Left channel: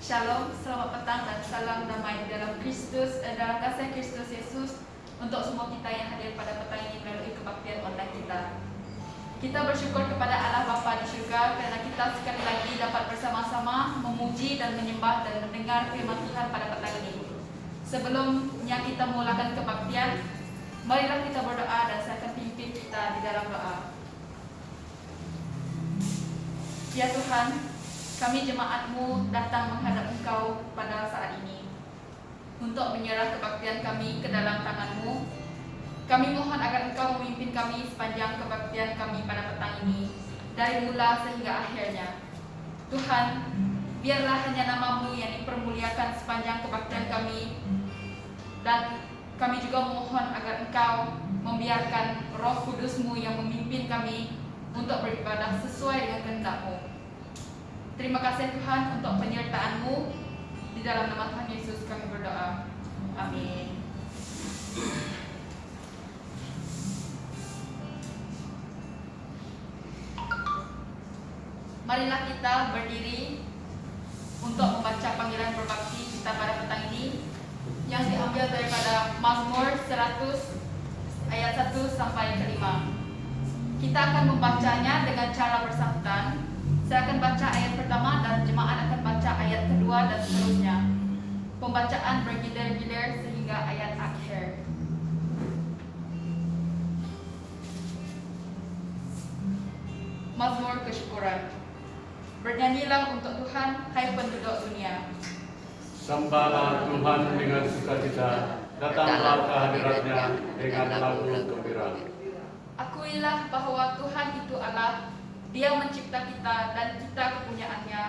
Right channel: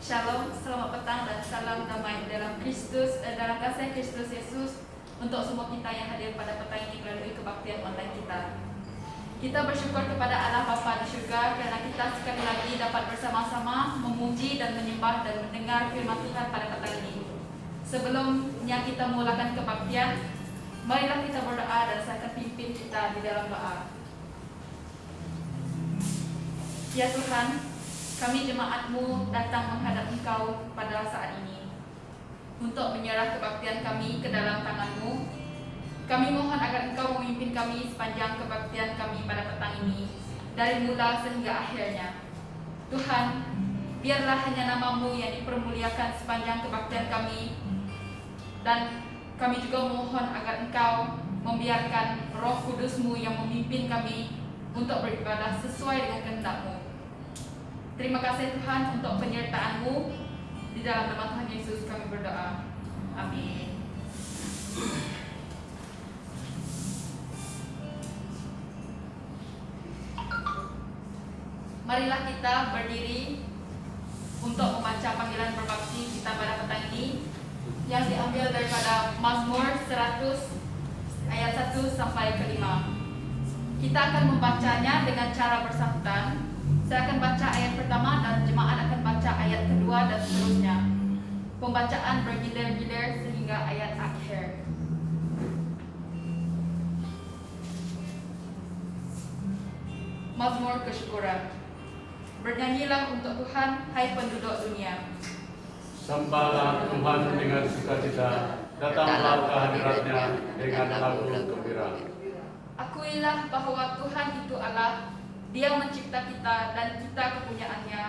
Shalom, selamat petang dan salam damai dalam dalam kasih Kristus Yesus untuk semua kita yang hadir pada petang ini melalui kebaktian online kita. Kita bersyukur kepada Allah Bapa di surga kerana kita sekali lagi dapat bersama-sama memuji dan menyembah dan mendengar firman Tuhan pada petang ini. Sebelumnya kita mulakan kebaktian, marilah kita berdoa dan saya akan pimpin kita di dalam doa. Ya Tuhan, kami jemaat-Mu datang menghadap Engkau pada saat ini untuk menyerah kebaktian kami ke dalam tangan-Mu. Kami mohon agar Engkau memimpin kami sepanjang kebaktian kami pada petang ini, dari mula sehingga akhirnya. Tuhan, biarlah hanya nama-Mu yang dipermuliakan sepanjang kebaktian kami, dan kami juga mohon agar Engkau membiarkan Roh Kudus-Mu yang memimpin kami untuk beribadah sesuai dengan kehendak-Mu. Terima kasih Tuhan untuk penyertaan-Mu. Di dalam nama Tuhan Yesus kami berdoa. Amin. Marilah kita berdiri untuk membaca panggilan berbakti kita pada petang ini yang diambil daripada Mazmur 100 ayat 1 sampai ke 5. Kita akan membacanya dengan cara bersangkutan. Saya akan baca ayat pertama dan jemaat akan baca ayat kedua dan seterusnya. Pembacaan bergilir-gilir sehingga ayat akhir. Mazmur kesyukuran. Bernyanyilah untuk Tuhan, hai penduduk dunia. Sembahlah Tuhan dengan sukacita, datanglah ke hadirat-Nya dengan lagu gembira. Akuilah bahwa Tuhan itu Allah. Dia mencipta kita dan kita kepunyaannya.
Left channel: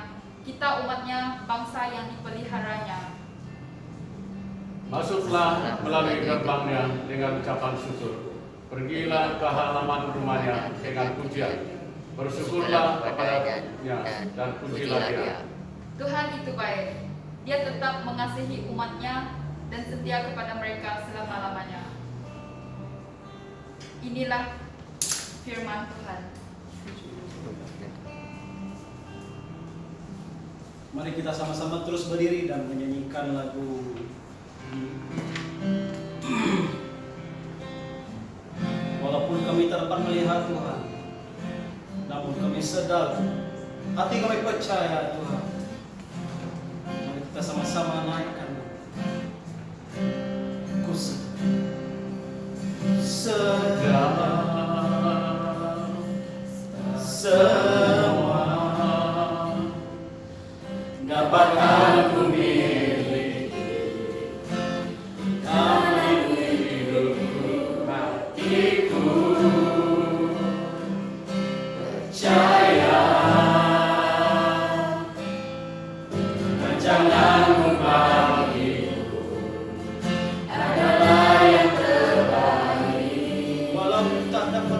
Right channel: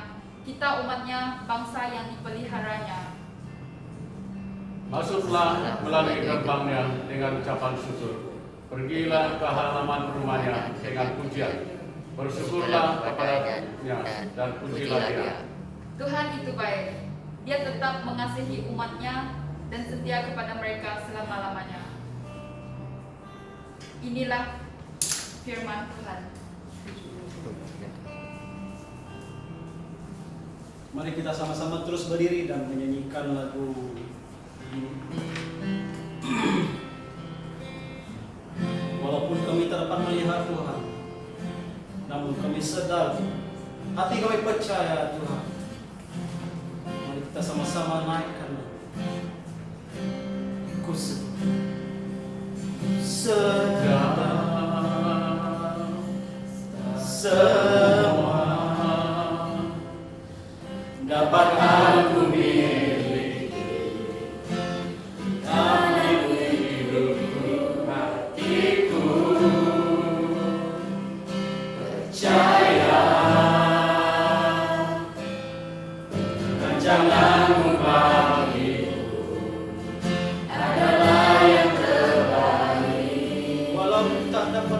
Kita umatnya, bangsa yang dipeliharanya. Masuklah melalui gerbangnya dengan ucapan syukur. Pergilah ke halaman rumahnya dengan pujian. Bersyukurlah kepadanya dan pujilah Dia. Tuhan itu baik. Dia tetap mengasihi umatnya dan setia kepada mereka selama-lamanya. Inilah firman Tuhan. Mari kita sama-sama terus berdiri dan menyanyikan lagu ini. Walaupun kami tak dapat melihat Tuhan, namun kami sedar, hati kami percaya Tuhan. Mari kita sama-sama naikkan. Ku sedar semua dapat aku miliki, tapi hidup hatiku percaya, dan jangan membagiku adalah yang terbaik. Walau tak dapat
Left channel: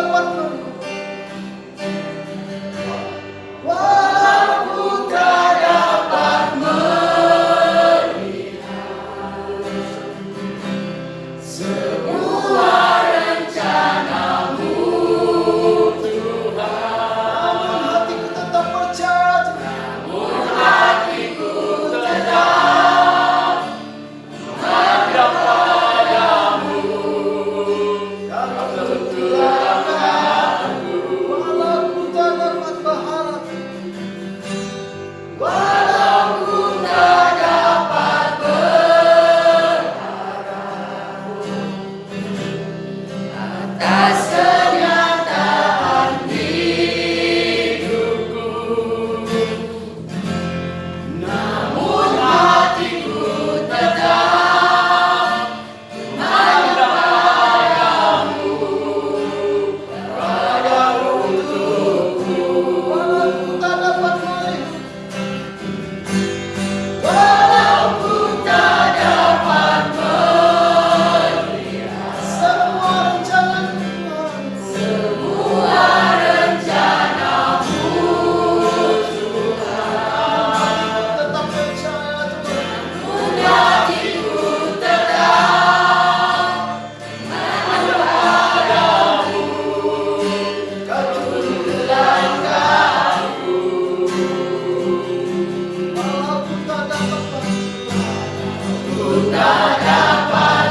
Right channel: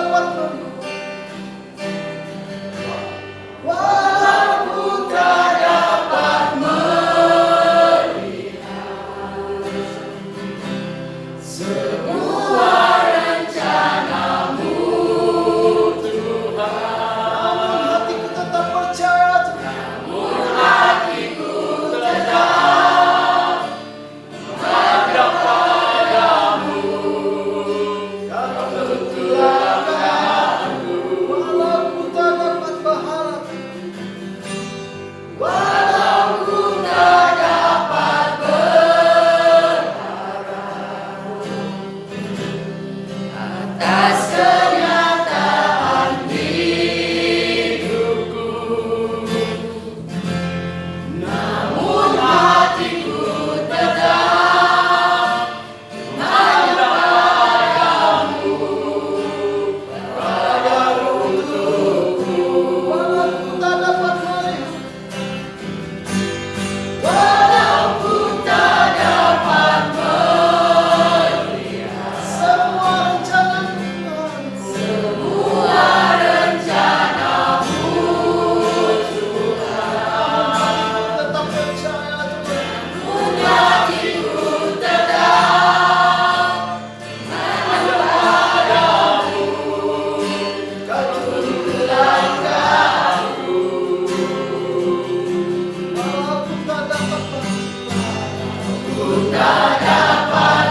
dapat walaupun tak dapat semua rencanamu Tuhan, hatiku tetap percaya Tuhan, hatiku tetap ada padamu. Kalau berkelana walaupun tak dapat berharap, walaupun tak dapat atas kenyataan hidupku, namun hatiku tetap hanya padamu, padamu untukku, walaupun tak dapat melihat, walaupun tak dapat melihat semua rencana Tuhan, semua rencanamu Tuhan, hatiku tetap percaya Tuhan, hatiku tetap hanya padamu, kau turun langkahku, walaupun tak dapat walaupun tak dapat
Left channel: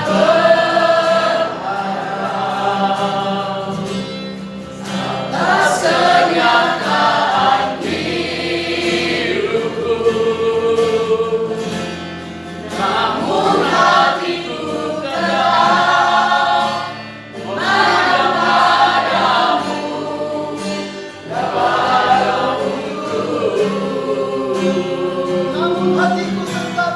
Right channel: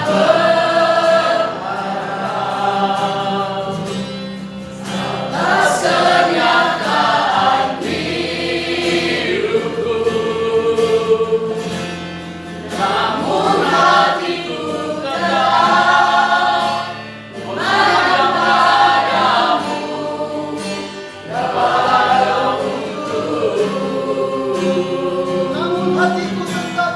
atas kenyataan hidupku, namun hatiku tetap hanya padamu, padamu namun hatiku tetap,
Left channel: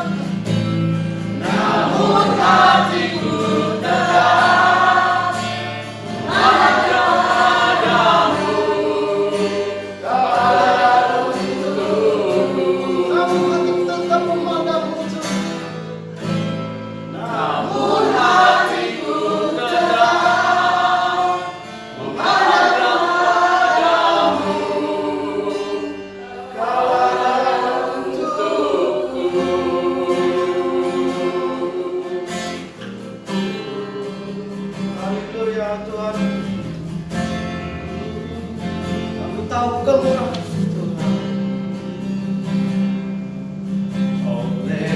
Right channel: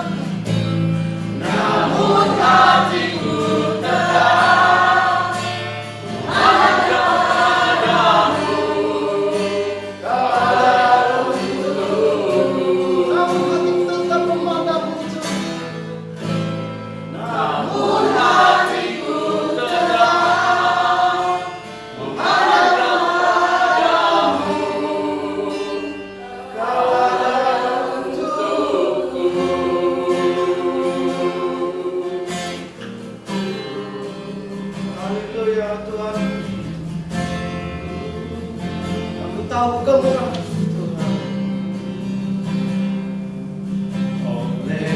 namun hatiku tetap hanya kepadamu, kepadamu namun hatiku tetap memandangmu Tuhan, namun hatiku tetap hanya kepadamu, kepadamu untukku. Haleluya Tuhan, kami tahu kemurahan Tuhan. Oleh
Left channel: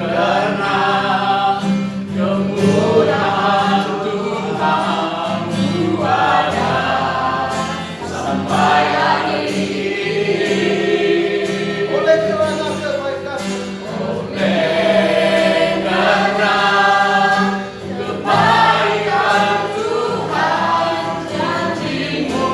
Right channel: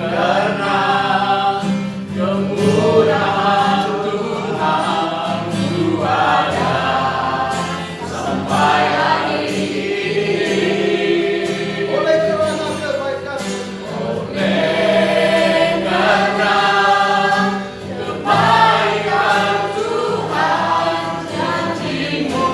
karena kemurahan Tuhan ku ada sampai hari ini, oleh karena kebaikan, oleh karena kebaikan Tuhan, janji-Mu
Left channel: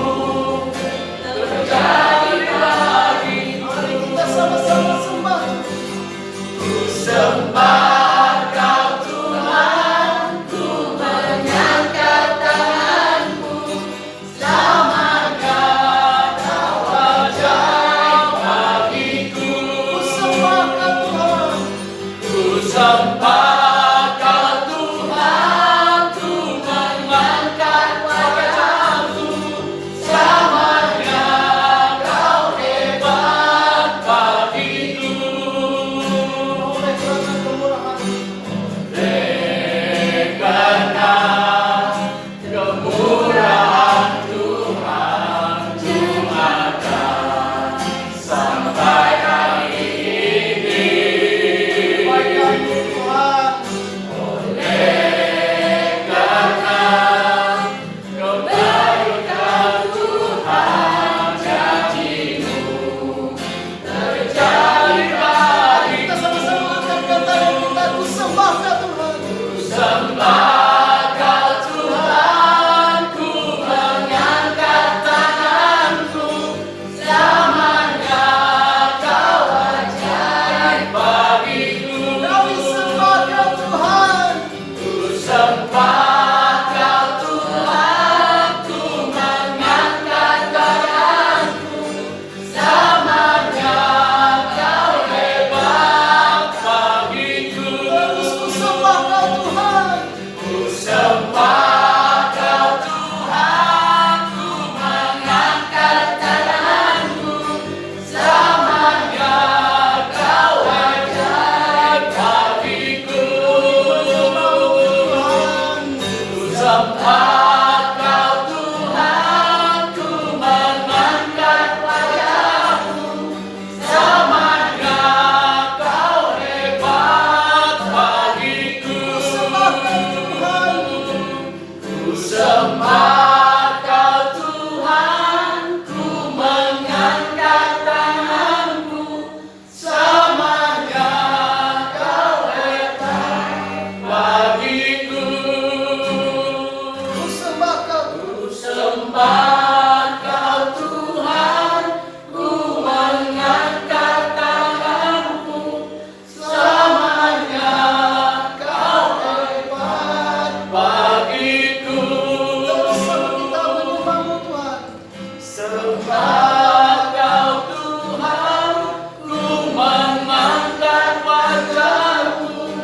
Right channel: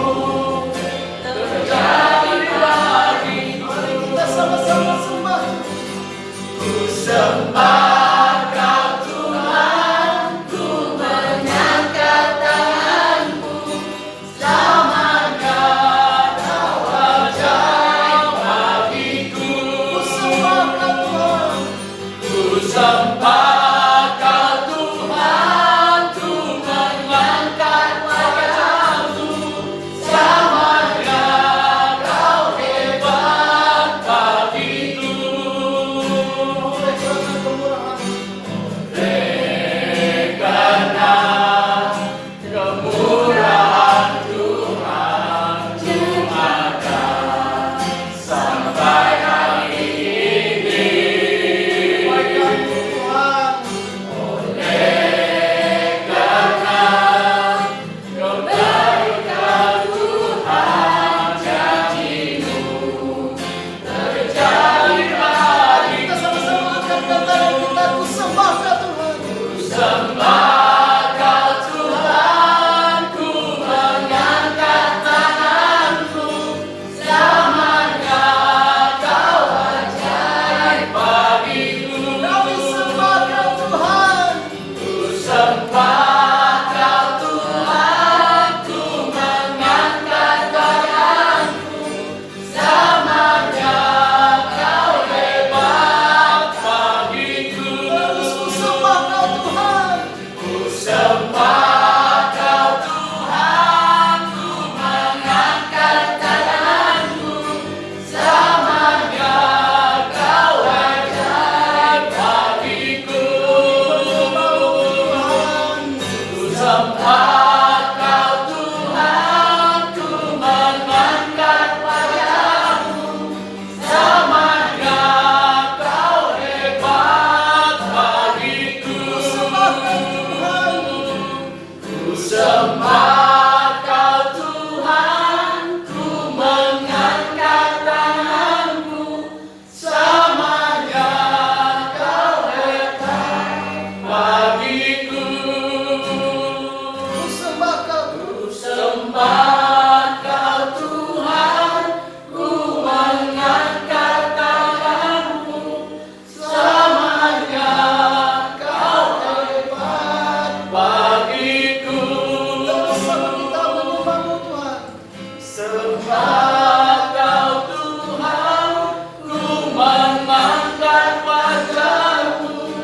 Sembah Kau Tuhan, ku mengangkat wajahku.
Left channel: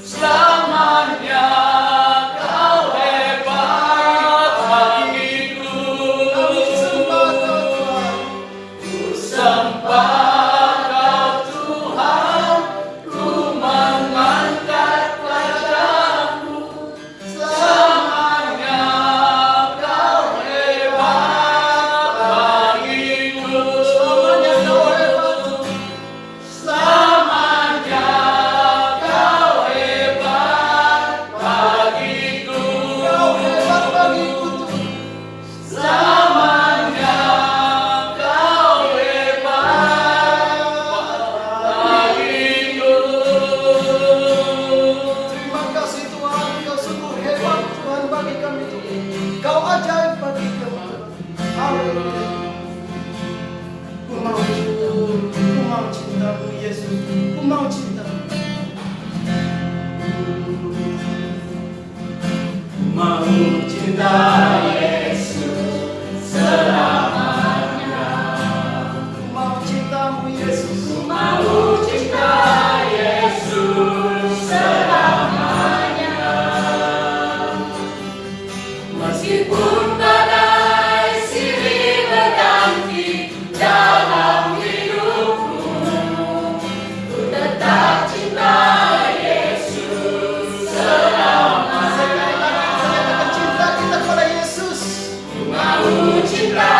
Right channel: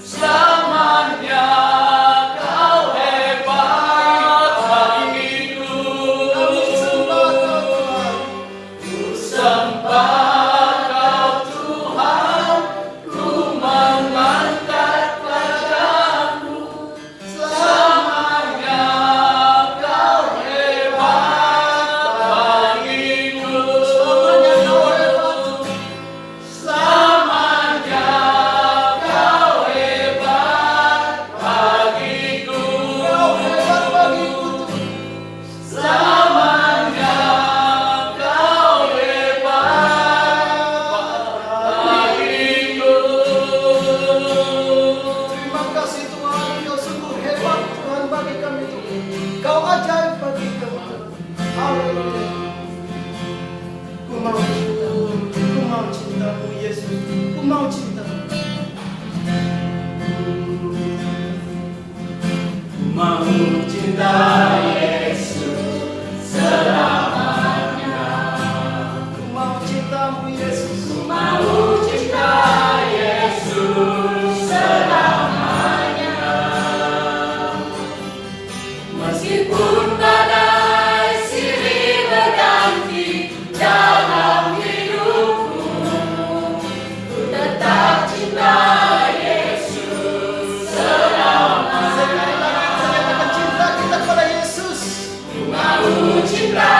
Selamanya Kau hebat bagiku. Kami sembah Kau Tuhan. Ku sembah Kau Tuhan, ku mengangkat wajahku. Selamanya Kau hebat bagiku. Selamanya Kau hebat. Selamanya Kau hebat bagiku. Kau hebat bagiku Tuhan. Selamanya Kau hebat bagiku. Terima kasih Tuhan, Kau sungguh hebat Tuhan bagi kami Tuhan. Kau ajaib bagi kami Tuhan. Haleluya. Ku mau cintamu Yesus, ku mau cintamu. Ku mau cinta Yesus selamanya. Ku mau cintamu Yesus, ku mau cinta Yesus selamanya. Meskipun badai silih berganti dalam hidupku, ku tetap cinta Yesus selamanya. Sekali lagi kita nyatakan cinta kita kepada Yesus. Ku mau cinta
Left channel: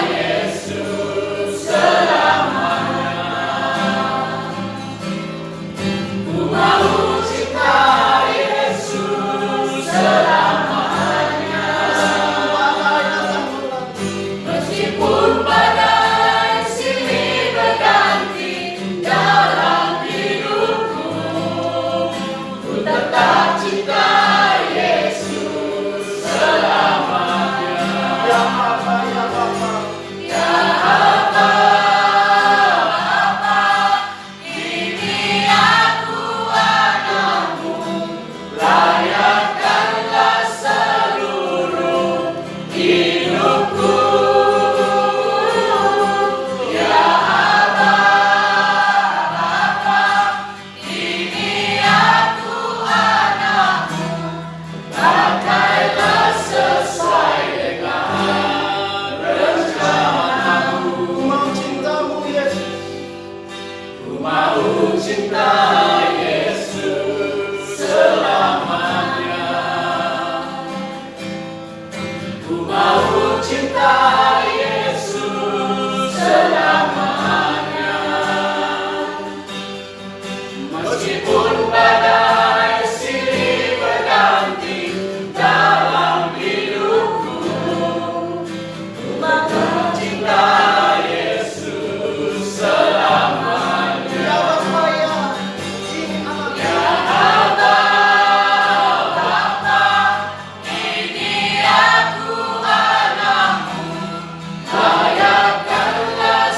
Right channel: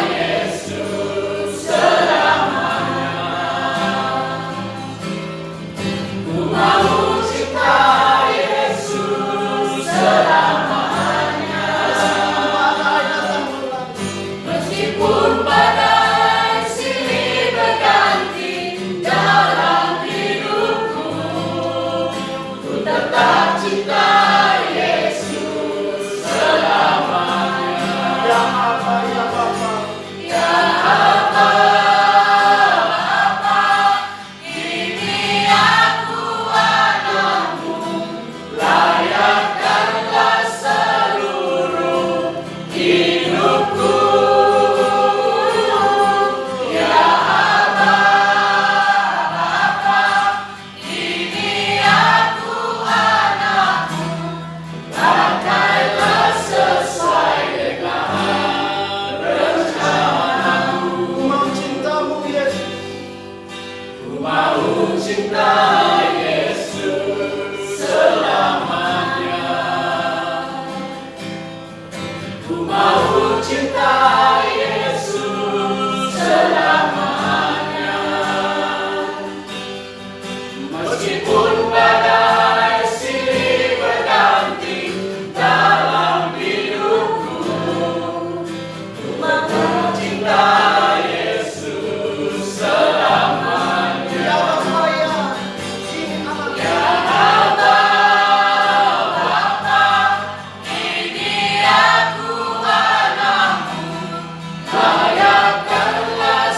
Yesus selamanya. Ku mau cinta Yesus selamanya. Meskipun badai silih berganti dalam hidupku, ku tetap cinta Yesus selamanya. Ya Bapa, ya Bapa, ya Bapa, ini aku anakmu, layakkanlah seluruh hidupku. Ya Bapa, ini aku anakmu, pakailah sesuai dengan rencanamu. Ku mau cintamu Yesus, ku mau cinta Yesus selamanya. Ku mau cinta Yesus selamanya. Meskipun badai silih berganti dalam hidupku, ku mau cinta Yesus selamanya. Ya Bapa, ya ini anaknya. Ini aku anakmu, layakkanlah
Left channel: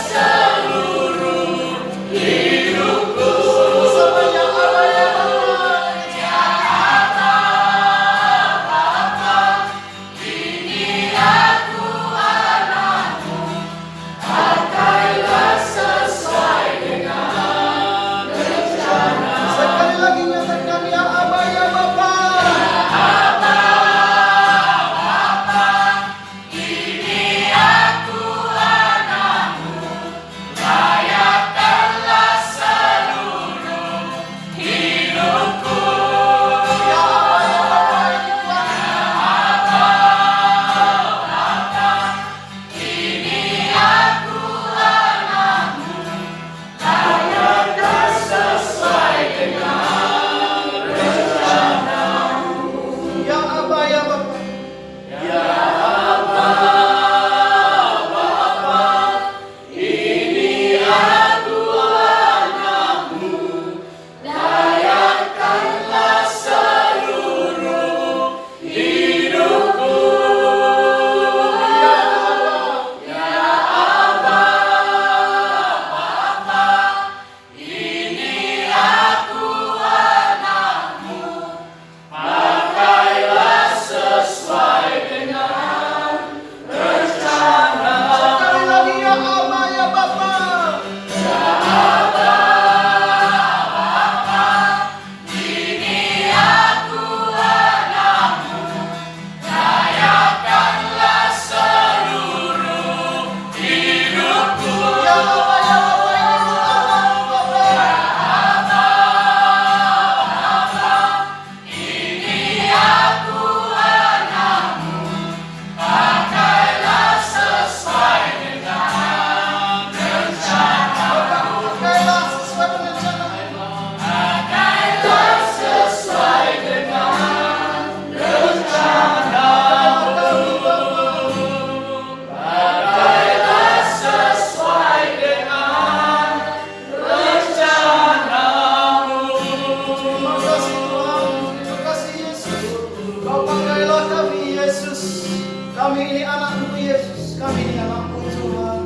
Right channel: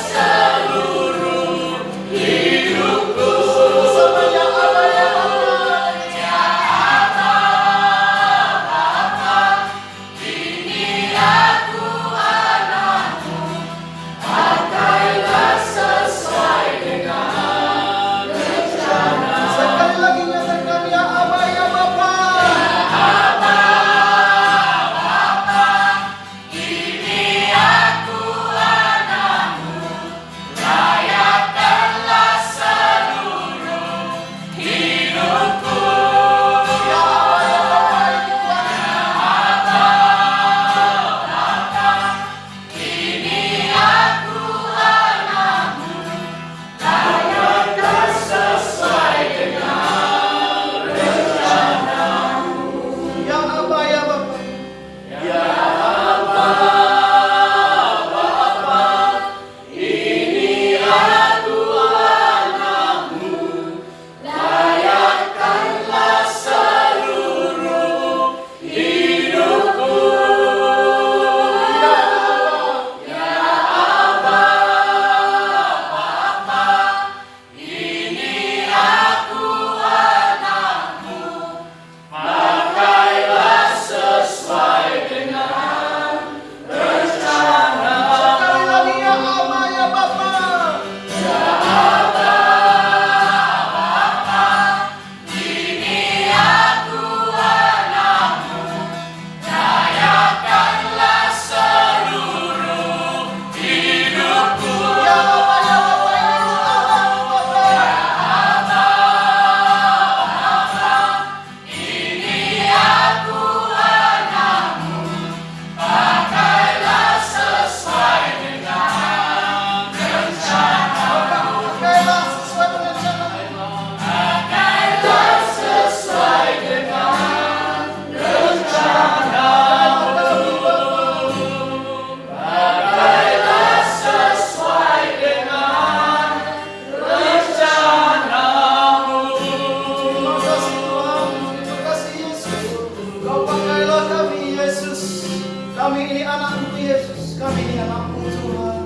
anak-anak-Mu Yesus, kami di dalam-Mu Tuhan,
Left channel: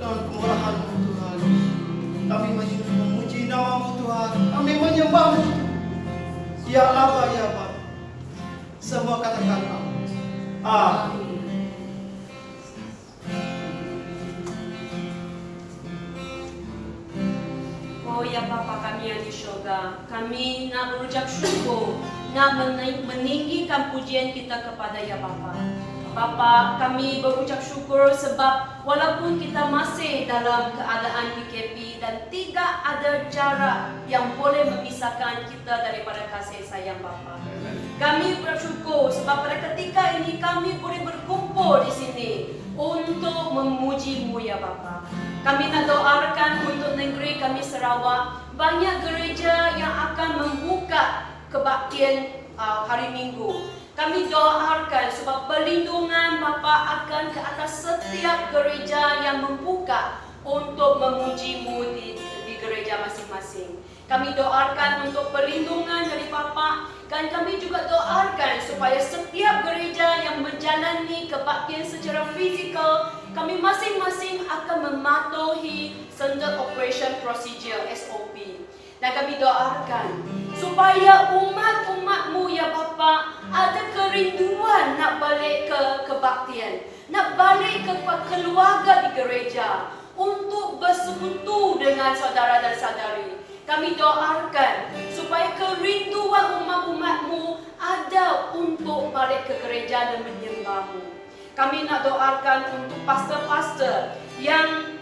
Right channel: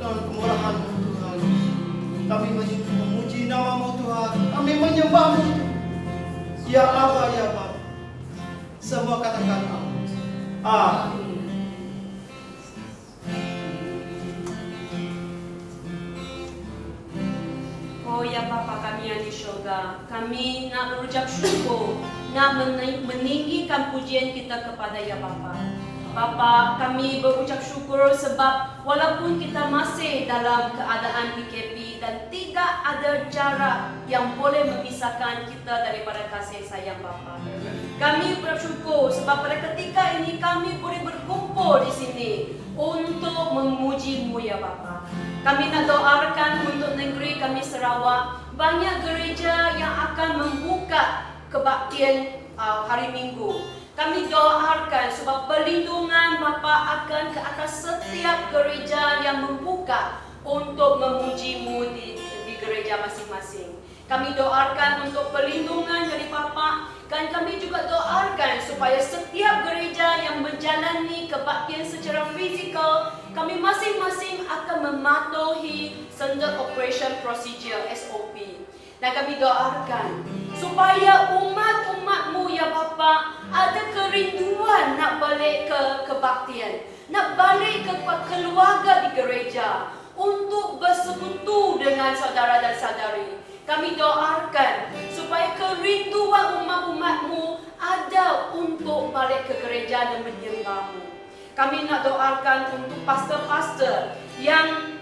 dan kemurahan-Mu Tuhan. Kami memuji nama-Mu Tuhan, kami menyembah-Mu. Ya Allah, ya Bapa, semua katakan amin. Oh ya Bapa kami yang di syurga, kami nak berucap syukur, nak meninggikan pujian kita kepada ya Bapa. Bapa, kami berucap syukur sebab walaupun kita masih dalam keadaan PKP dan tidak ada jarak yang boleh memisahkan kita daripada kasih sayang Bapa. Kami bersyukur sebab pada ketika ini kami boleh berkumpul di sini untuk memuji-Mu ya Bapa. Kami nak doakan untuk negeri kami Sarawak, banyak gereja yang akan membuka kebaktian hari Minggu. Kami doakan sebab perlindungan Bapa akan ke atas setiap gereja yang membuka untuk memuji-Mu di gereja masing-masing. Kami doakan untuk perlindungan dari Bapa, dan kami juga doakan supaya setiap gereja yang menjalani kebaktian secara fizikal, kami masing-masing akan mematuhi Standard Operation Procedure SOP. Dan kami doakan supaya umat-umat-Mu ya Bapa ada kerinduan nak balik ke kebaktian, nak balik ke keluarga di gereja untuk bersekutu dengan saudara dan saudari. Kami doakan supaya kerinduan umat-umat-Mu ada untuk balik ke gereja dan menyembah-Mu. Kami nak doakan untuk pastor-pastor yang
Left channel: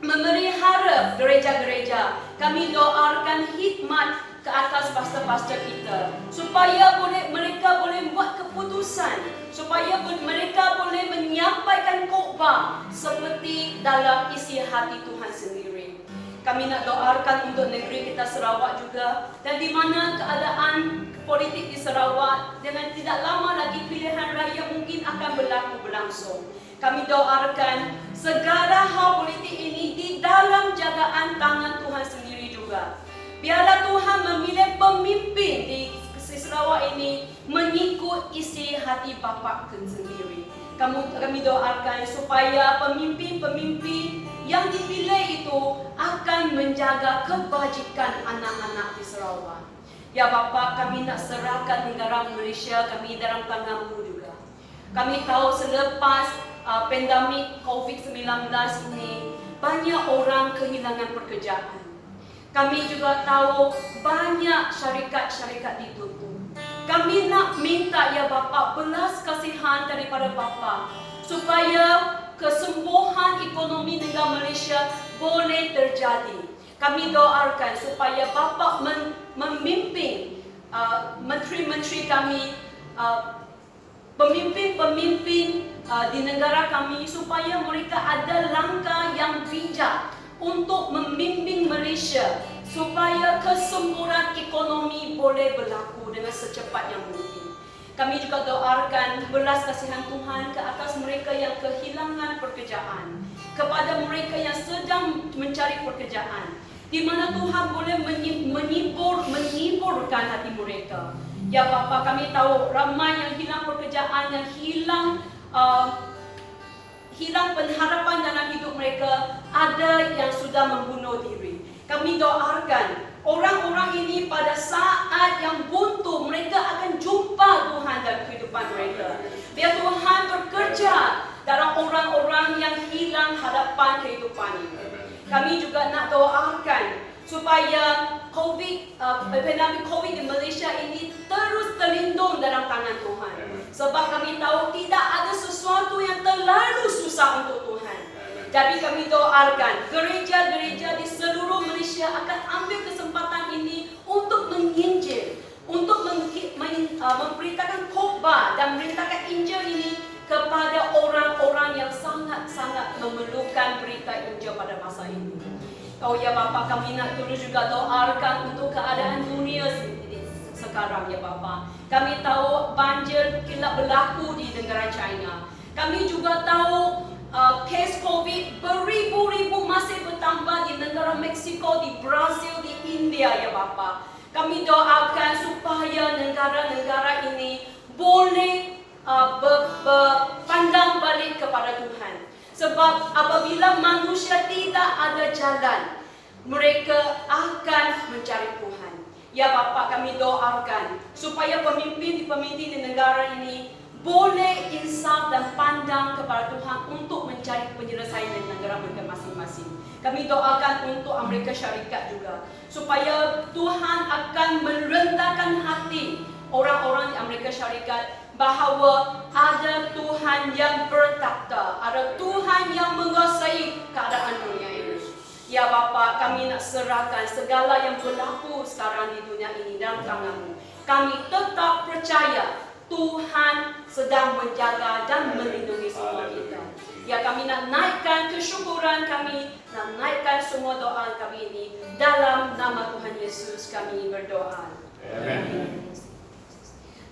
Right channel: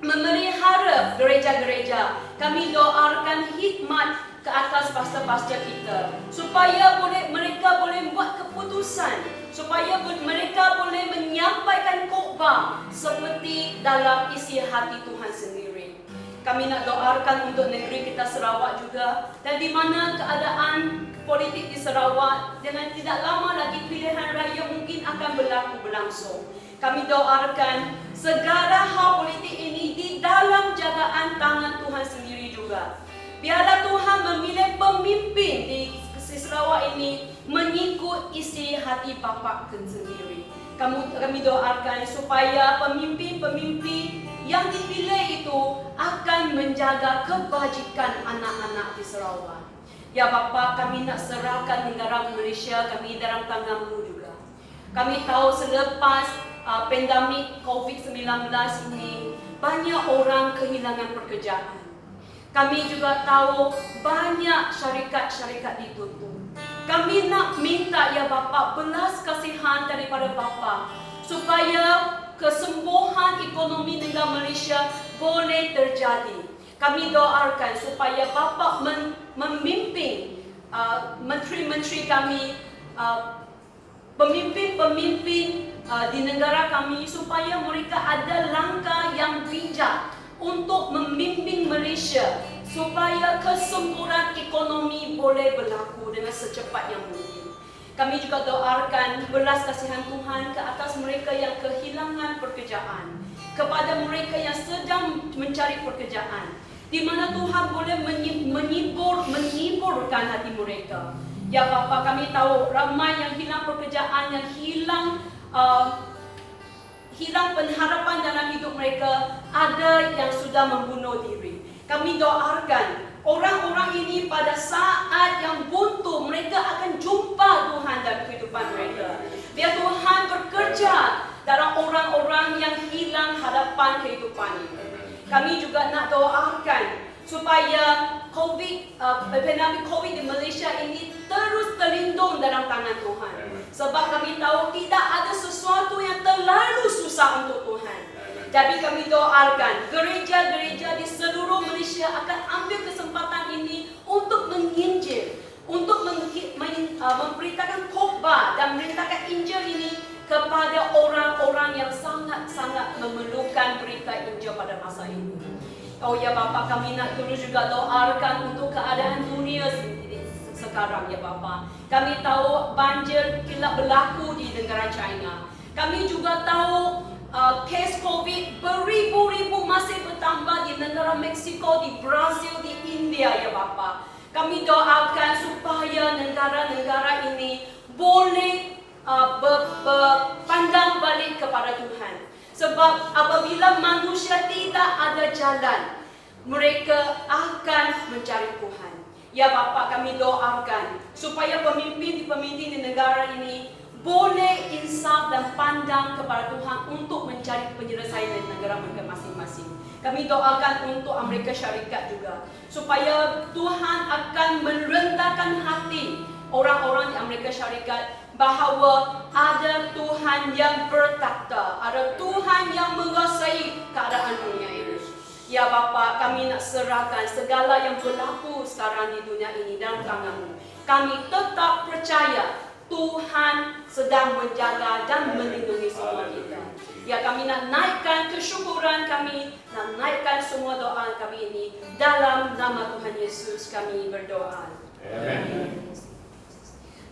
memelihara gereja-gereja. Kami doakan hikmat ke atas pastor-pastor kita supaya mereka boleh buat keputusan, supaya mereka boleh menyampaikan khotbah seperti dalam isi hati Tuhan sendiri. Kami nak doakan untuk negeri kita Sarawak juga, dan di mana keadaan politik di Sarawak dengan tidak lama lagi pilihan raya mungkin akan berlangsung. Kami doakan segala hal politik ini di dalam jagaan tangan Tuhan sendiri juga. Biarlah Tuhan memilih pemimpin di Sarawak ini mengikut isi hati Bapa sendiri. Kami doakan supaya pemimpin-pemimpin yang dipilih itu akan menjaga kebajikan anak-anak di Sarawak. Ya Bapa, kami nak serahkan negara Malaysia kami dalam tangan-Mu juga. Kami tahu selepas pandemik COVID-19 ini, banyak orang kehilangan pekerjaan. Kami juga tahu banyak syarikat-syarikat ditutup. Kami nak minta ya Bapa belas kasihan daripada Bapa supaya kesembuhan ekonomi negara Malaysia boleh terjadi. Kami doakan supaya Bapa memimpin menteri-menteri kami, pemimpin-pemimpin di negara kami supaya mereka ada langkah yang bijak untuk membimbing Malaysia supaya kesembuhan ekonomi boleh berlaku dengan secepat yang mungkin. Kami juga doakan belas kasihan Tuhan ke atas mereka yang kehilangan pekerjaan, kepada mereka yang sedang mencari pekerjaan, di mana Tuhan boleh menghiburkan hati mereka. Ya Bapa, kami tahu ramai yang hilang pekerjaan, yang hilang pengharapan dalam hidup mereka, ada yang sudah membunuh diri. Kami doakan orang-orang ini pada saat yang buntu mereka akan jumpa Tuhan dalam kehidupan mereka. Biar Tuhan bekerja dalam orang-orang yang hilang harapan kehidupan ini. Kami juga nak doakan supaya pandemik COVID di Malaysia ini terus terlindung dalam tangan Tuhan. Sebab kami tahu tidak ada sesuatu yang terlalu susah untuk Tuhan. Jadi kami doakan gereja-gereja di seluruh Malaysia akan ambil kesempatan ini untuk menginjil, untuk memberitakan khotbah dan memberitakan Injil ini kepada orang-orang yang sangat-sangat memerlukan berita Injil pada masa ini. Oh ya Bapa, kami nak terus juga doakan untuk keadaan dunia sekarang ya Bapa. Kami tahu banjir kila berlaku di negara China. Kami juga tahu kes COVID beribu-ribu masih bertambah di negara Mexico, di Brazil, di India ya Bapa. Kami doakan supaya negara-negara ini boleh berpandang balik kepada Tuhan. Sebab apabila manusia tidak ada jalan, mereka akan mencari Tuhan. Ya Bapa, kami doakan supaya pemimpin-pemimpin di negara ini boleh insaf dan pandang kepada Tuhan untuk mencari penyelesaian di negara mereka masing-masing. Kami doakan untuk Amerika Syarikat juga, supaya Tuhan akan merendahkan hati orang-orang di Amerika Syarikat bahawa ada Tuhan yang bertakhta, ada Tuhan yang menguasai keadaan dunia ini. Ya Bapa, kami nak serahkan segala yang berlaku sekarang di dunia ini dalam tangan-Mu. Kami tetap percaya Tuhan sedang menjaga dan melindungi semua kita. Ya, kami nak naikkan kesyukuran kami, nak naikkan semua doa kami ini dalam nama Tuhan Yesus kami berdoa. Amen.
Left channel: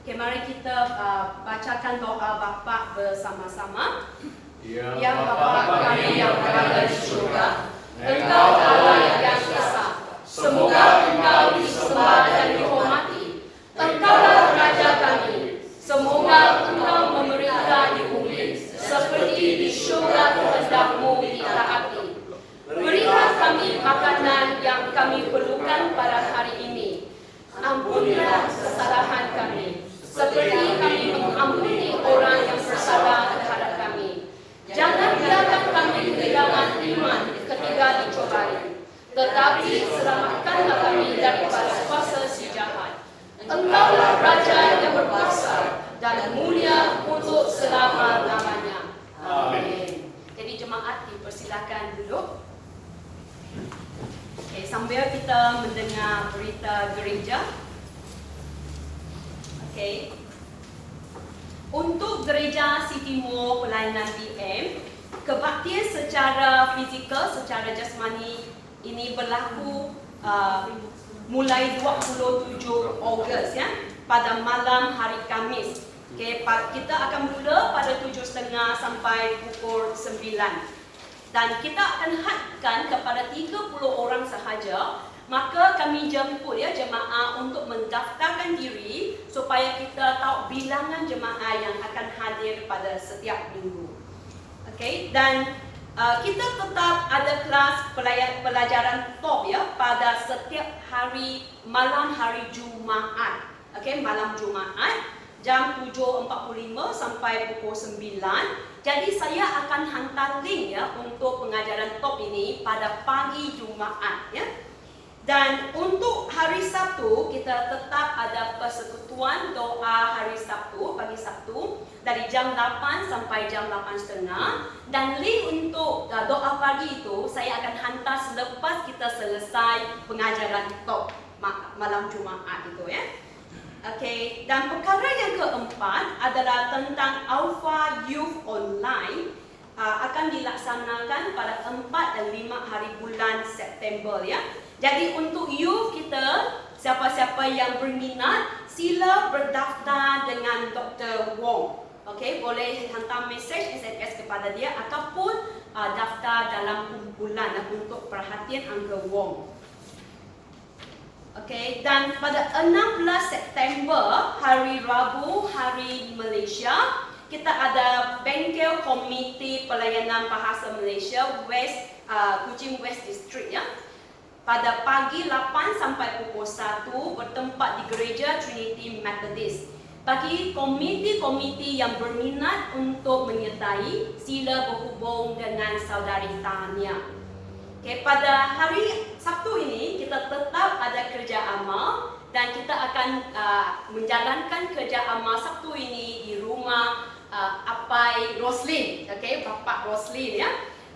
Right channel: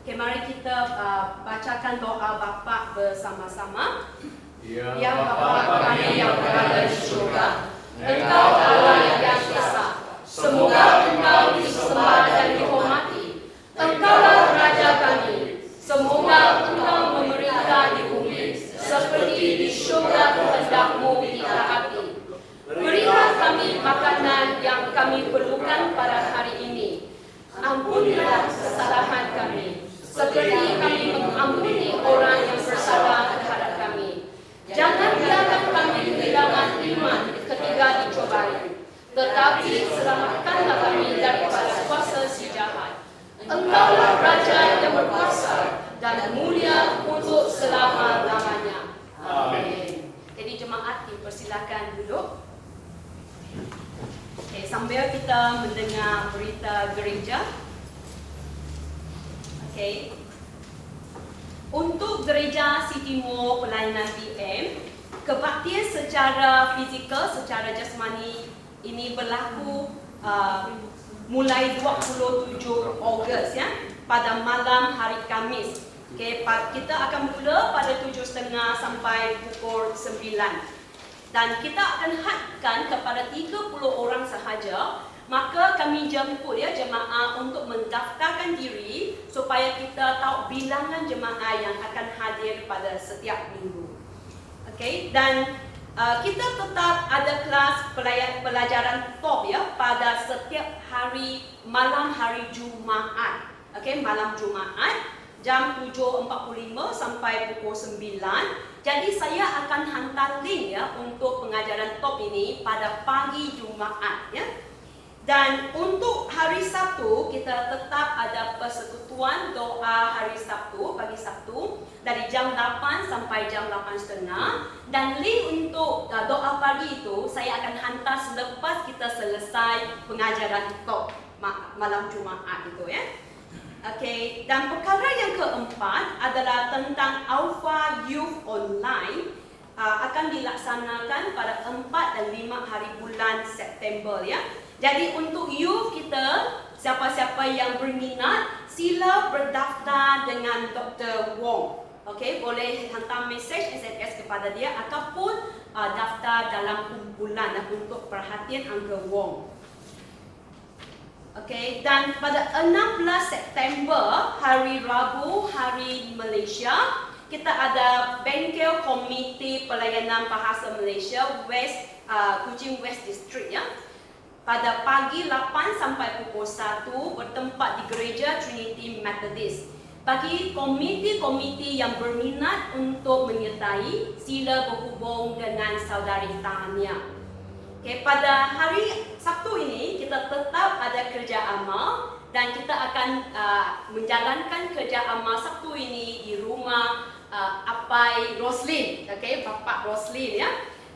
Okay, mari kita bacakan doa Bapa bersama-sama. Ya Bapa kami yang berada di surga, Engkau Allah yang esa. Semoga Engkau disembah dan dihormati. Engkaulah Raja kami. Semoga Engkau memerintah di bumi seperti di surga kehendak-Mu ditaati. Berilah kami makanan yang kami perlukan pada hari ini. Ampunilah kesalahan kami, seperti kami mengampuni orang yang bersalah terhadap kami. Jangan biarkan kami kehilangan iman ketika dicobai, tetapi selamatkanlah kami daripada kuasa si jahat. Engkaulah Raja yang berkuasa dan mulia untuk selama-lamanya. Amin. Jadi jemaat dipersilakan duduk. Okay, sambil kita mendengar berita gereja. Okay. Untuk gereja City Mall pelayanan PM, kebaktian secara fizikal, secara jasmani ini berlaku mulai 27 Ogos ya, pada malam hari Khamis. Okay, kita akan mula pada 7.30 sampai pukul 9. Dan kita akan hadkan kepada 30 orang sahaja. Maka kami jemput ya jemaah untuk mendaftarkan diri supaya kita tahu bilangan jemaah yang akan hadir pada setiap minggu. Okey, dan kita tetap ada kelas pelajaran top ya pada setiap hari malam hari Jumaat. Okey, malam Jumaat jam 7.45 sampai pukul 9. Jadi saya akan hantar link ya untuk pengajaran top ini pada pagi Jumaat ya. Dan untuk hari Sabtu, kita tetap ada persekutuan doa hari Sabtu, pagi Sabtu dari jam 8 sampai jam 8.30. Dan link untuk doa pagi itu saya akan hantar selepas kita selesai pengajaran top malam Jumaat itu ya. Okey, dan perkara yang keempat adalah tentang Alpha Youth Online. Akan dilaksanakan pada 4 dan 5 hari bulan September ya. Jadi untuk youth kita, siapa-siapa yang berminat, sila berdaftar dengan Dr. Wong. Okey, boleh hantar mesej SMS kepada dia ataupun daftar dalam kumpulan untuk perhatian Uncle Wong. Okey, dan pada 16 September, hari Rabu, hari Malaysia, kita ada bengkel Komiti Pelayanan Bahasa Malaysia Kuching West District ya. Pada pagi 8 sampai pukul 1 bertempat di Gereja Trinity Methodist. Bagi komiti-komiti yang berminat untuk menyertai, sila berhubung dengan saudari Tania. Okay, pada hari Sabtu ini kita tetap ada kerja amal dan kita akan menjalankan kerja amal Sabtu ini di rumah Apai Roslin, okay, Bapak Roslin ya.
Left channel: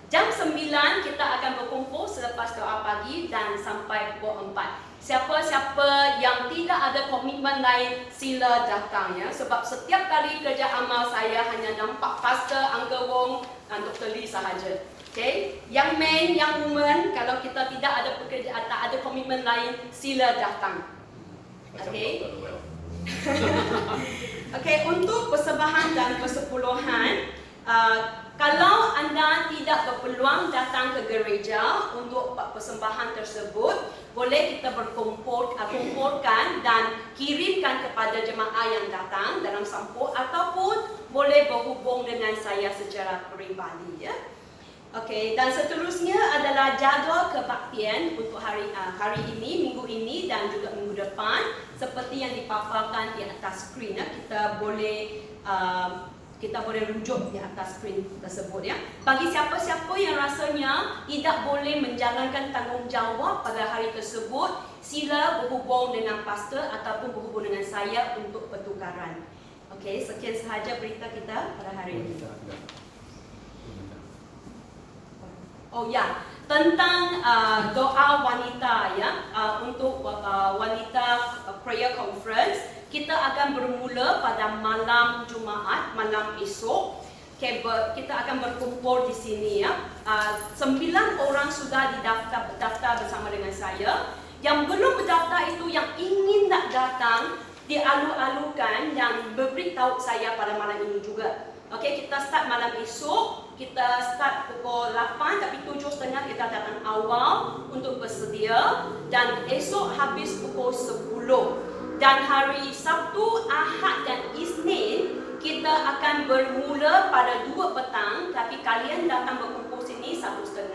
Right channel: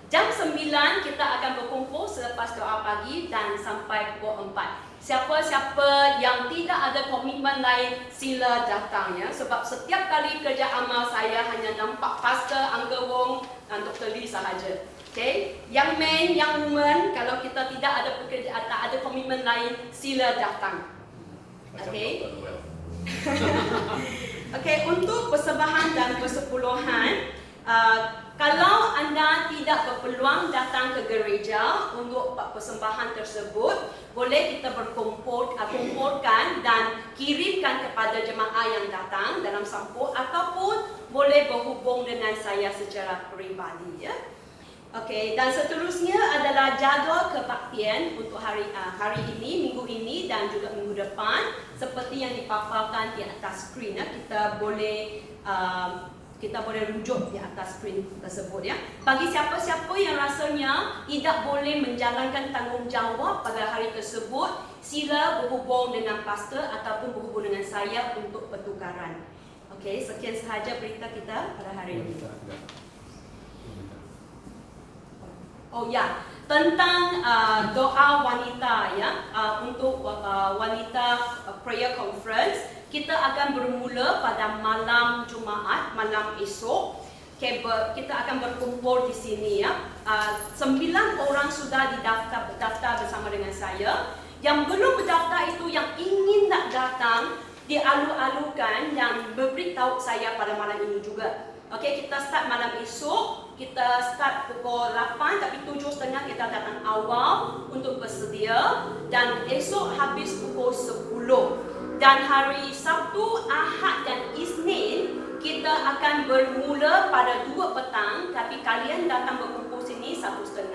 Jam 9 kita akan berkumpul selepas doa pagi dan sampai pukul 4. Siapa-siapa yang tidak ada komitmen lain sila datang ya. Sebab setiap kali kerja amal saya hanya nampak Pastor Uncle Wong dan Dr. Lee sahaja. Okay, yang men, yang woman, kalau kita tidak ada pekerjaan, tak ada komitmen lain, sila datang. Okay. Okay, untuk persembahan dan persepuluhan, Kalau anda tidak berpeluang datang ke gereja untuk persembahan tersebut, boleh kita kumpulkan dan kirimkan kepada jemaah yang datang dalam sampul, ataupun boleh berhubung dengan saya secara peribadi, ya. Okey, dan seterusnya adalah jadual kebaktian untuk hari ini, minggu ini dan juga minggu depan, seperti yang dipaparkan di atas skrin, ya. Kita boleh rujuk di atas skrin tersebut, ya. Bagi siapa-siapa yang rasanya tidak boleh menjalankan tanggungjawab pada hari tersebut, sila berhubung dengan pastor ataupun berhubung dengan saya untuk pertukaran. Okey, sekian sahaja berita kita pada hari ini. Oh ya, tentang doa wanita, ya, untuk wanita prayer conference, kita akan bermula pada malam Jumaat, malam esok. Kita akan berkumpul di sini, ya. 9 orang sudah berdaftar bersama dengan saya. Yang belum berdaftar itu, yang ingin nak datang, dialu-alukan dan beritahu saya pada malam ini juga. Okey, kita start malam esok. Kita start pukul 8, tapi 7.30 kita datang awal untuk bersedia. Dan esok habis pukul 10. Dan hari Sabtu, Ahad dan Isnin kita akan bermula pada 2 petang, tapi kalian datang berkumpul sini 1.30.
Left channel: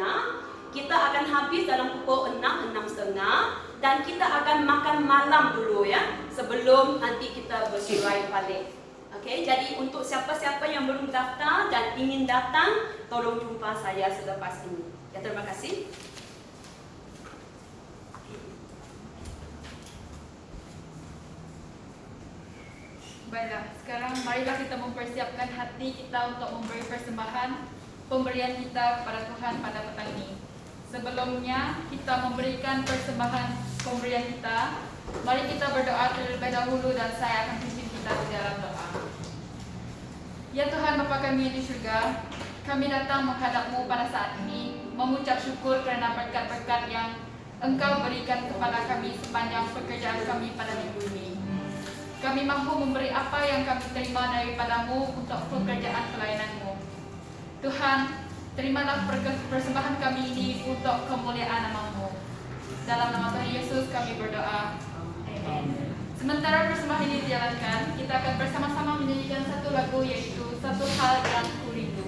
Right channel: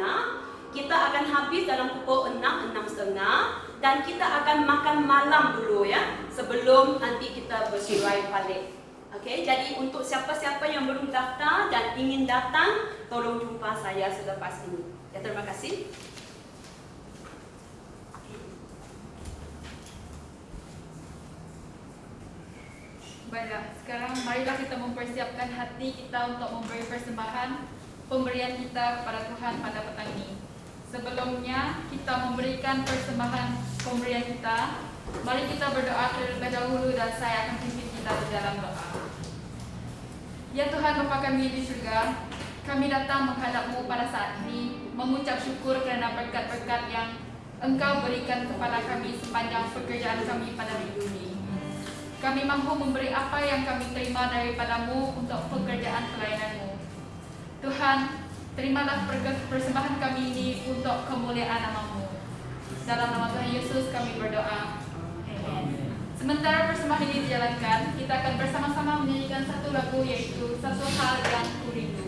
Kita akan habis dalam pukul 6, 6.30, dan kita akan makan malam dulu, ya, sebelum nanti kita bersurai balik. Okey, jadi untuk siapa-siapa yang belum daftar dan ingin datang, tolong jumpa saya selepas ini. Ya, terima kasih. Baiklah, sekarang marilah kita mempersiapkan hati kita untuk memberi persembahan pemberian kita kepada Tuhan pada petang ini. Sebelumnya kita memberikan persembahan pemberian kita, mari kita berdoa terlebih dahulu dan saya akan pimpin kita ke dalam doa. Ya Tuhan Bapa kami di surga, kami datang menghadap-Mu pada saat ini, mengucap syukur kerana berkat-berkat yang Engkau berikan kepada kami sepanjang pekerjaan kami pada minggu ini. Kami mampu memberi apa yang kami terima daripada-Mu untuk pekerjaan pelayanan-Mu. Tuhan, terimalah persembahan kami ini untuk kemuliaan nama-Mu. Dalam nama Tuhan Yesus kami berdoa. Amen. Sementara persembahan ini dijalankan, kita akan bersama-sama menyanyikan satu lagu, yaitu Satu Hal Yang Kurindu.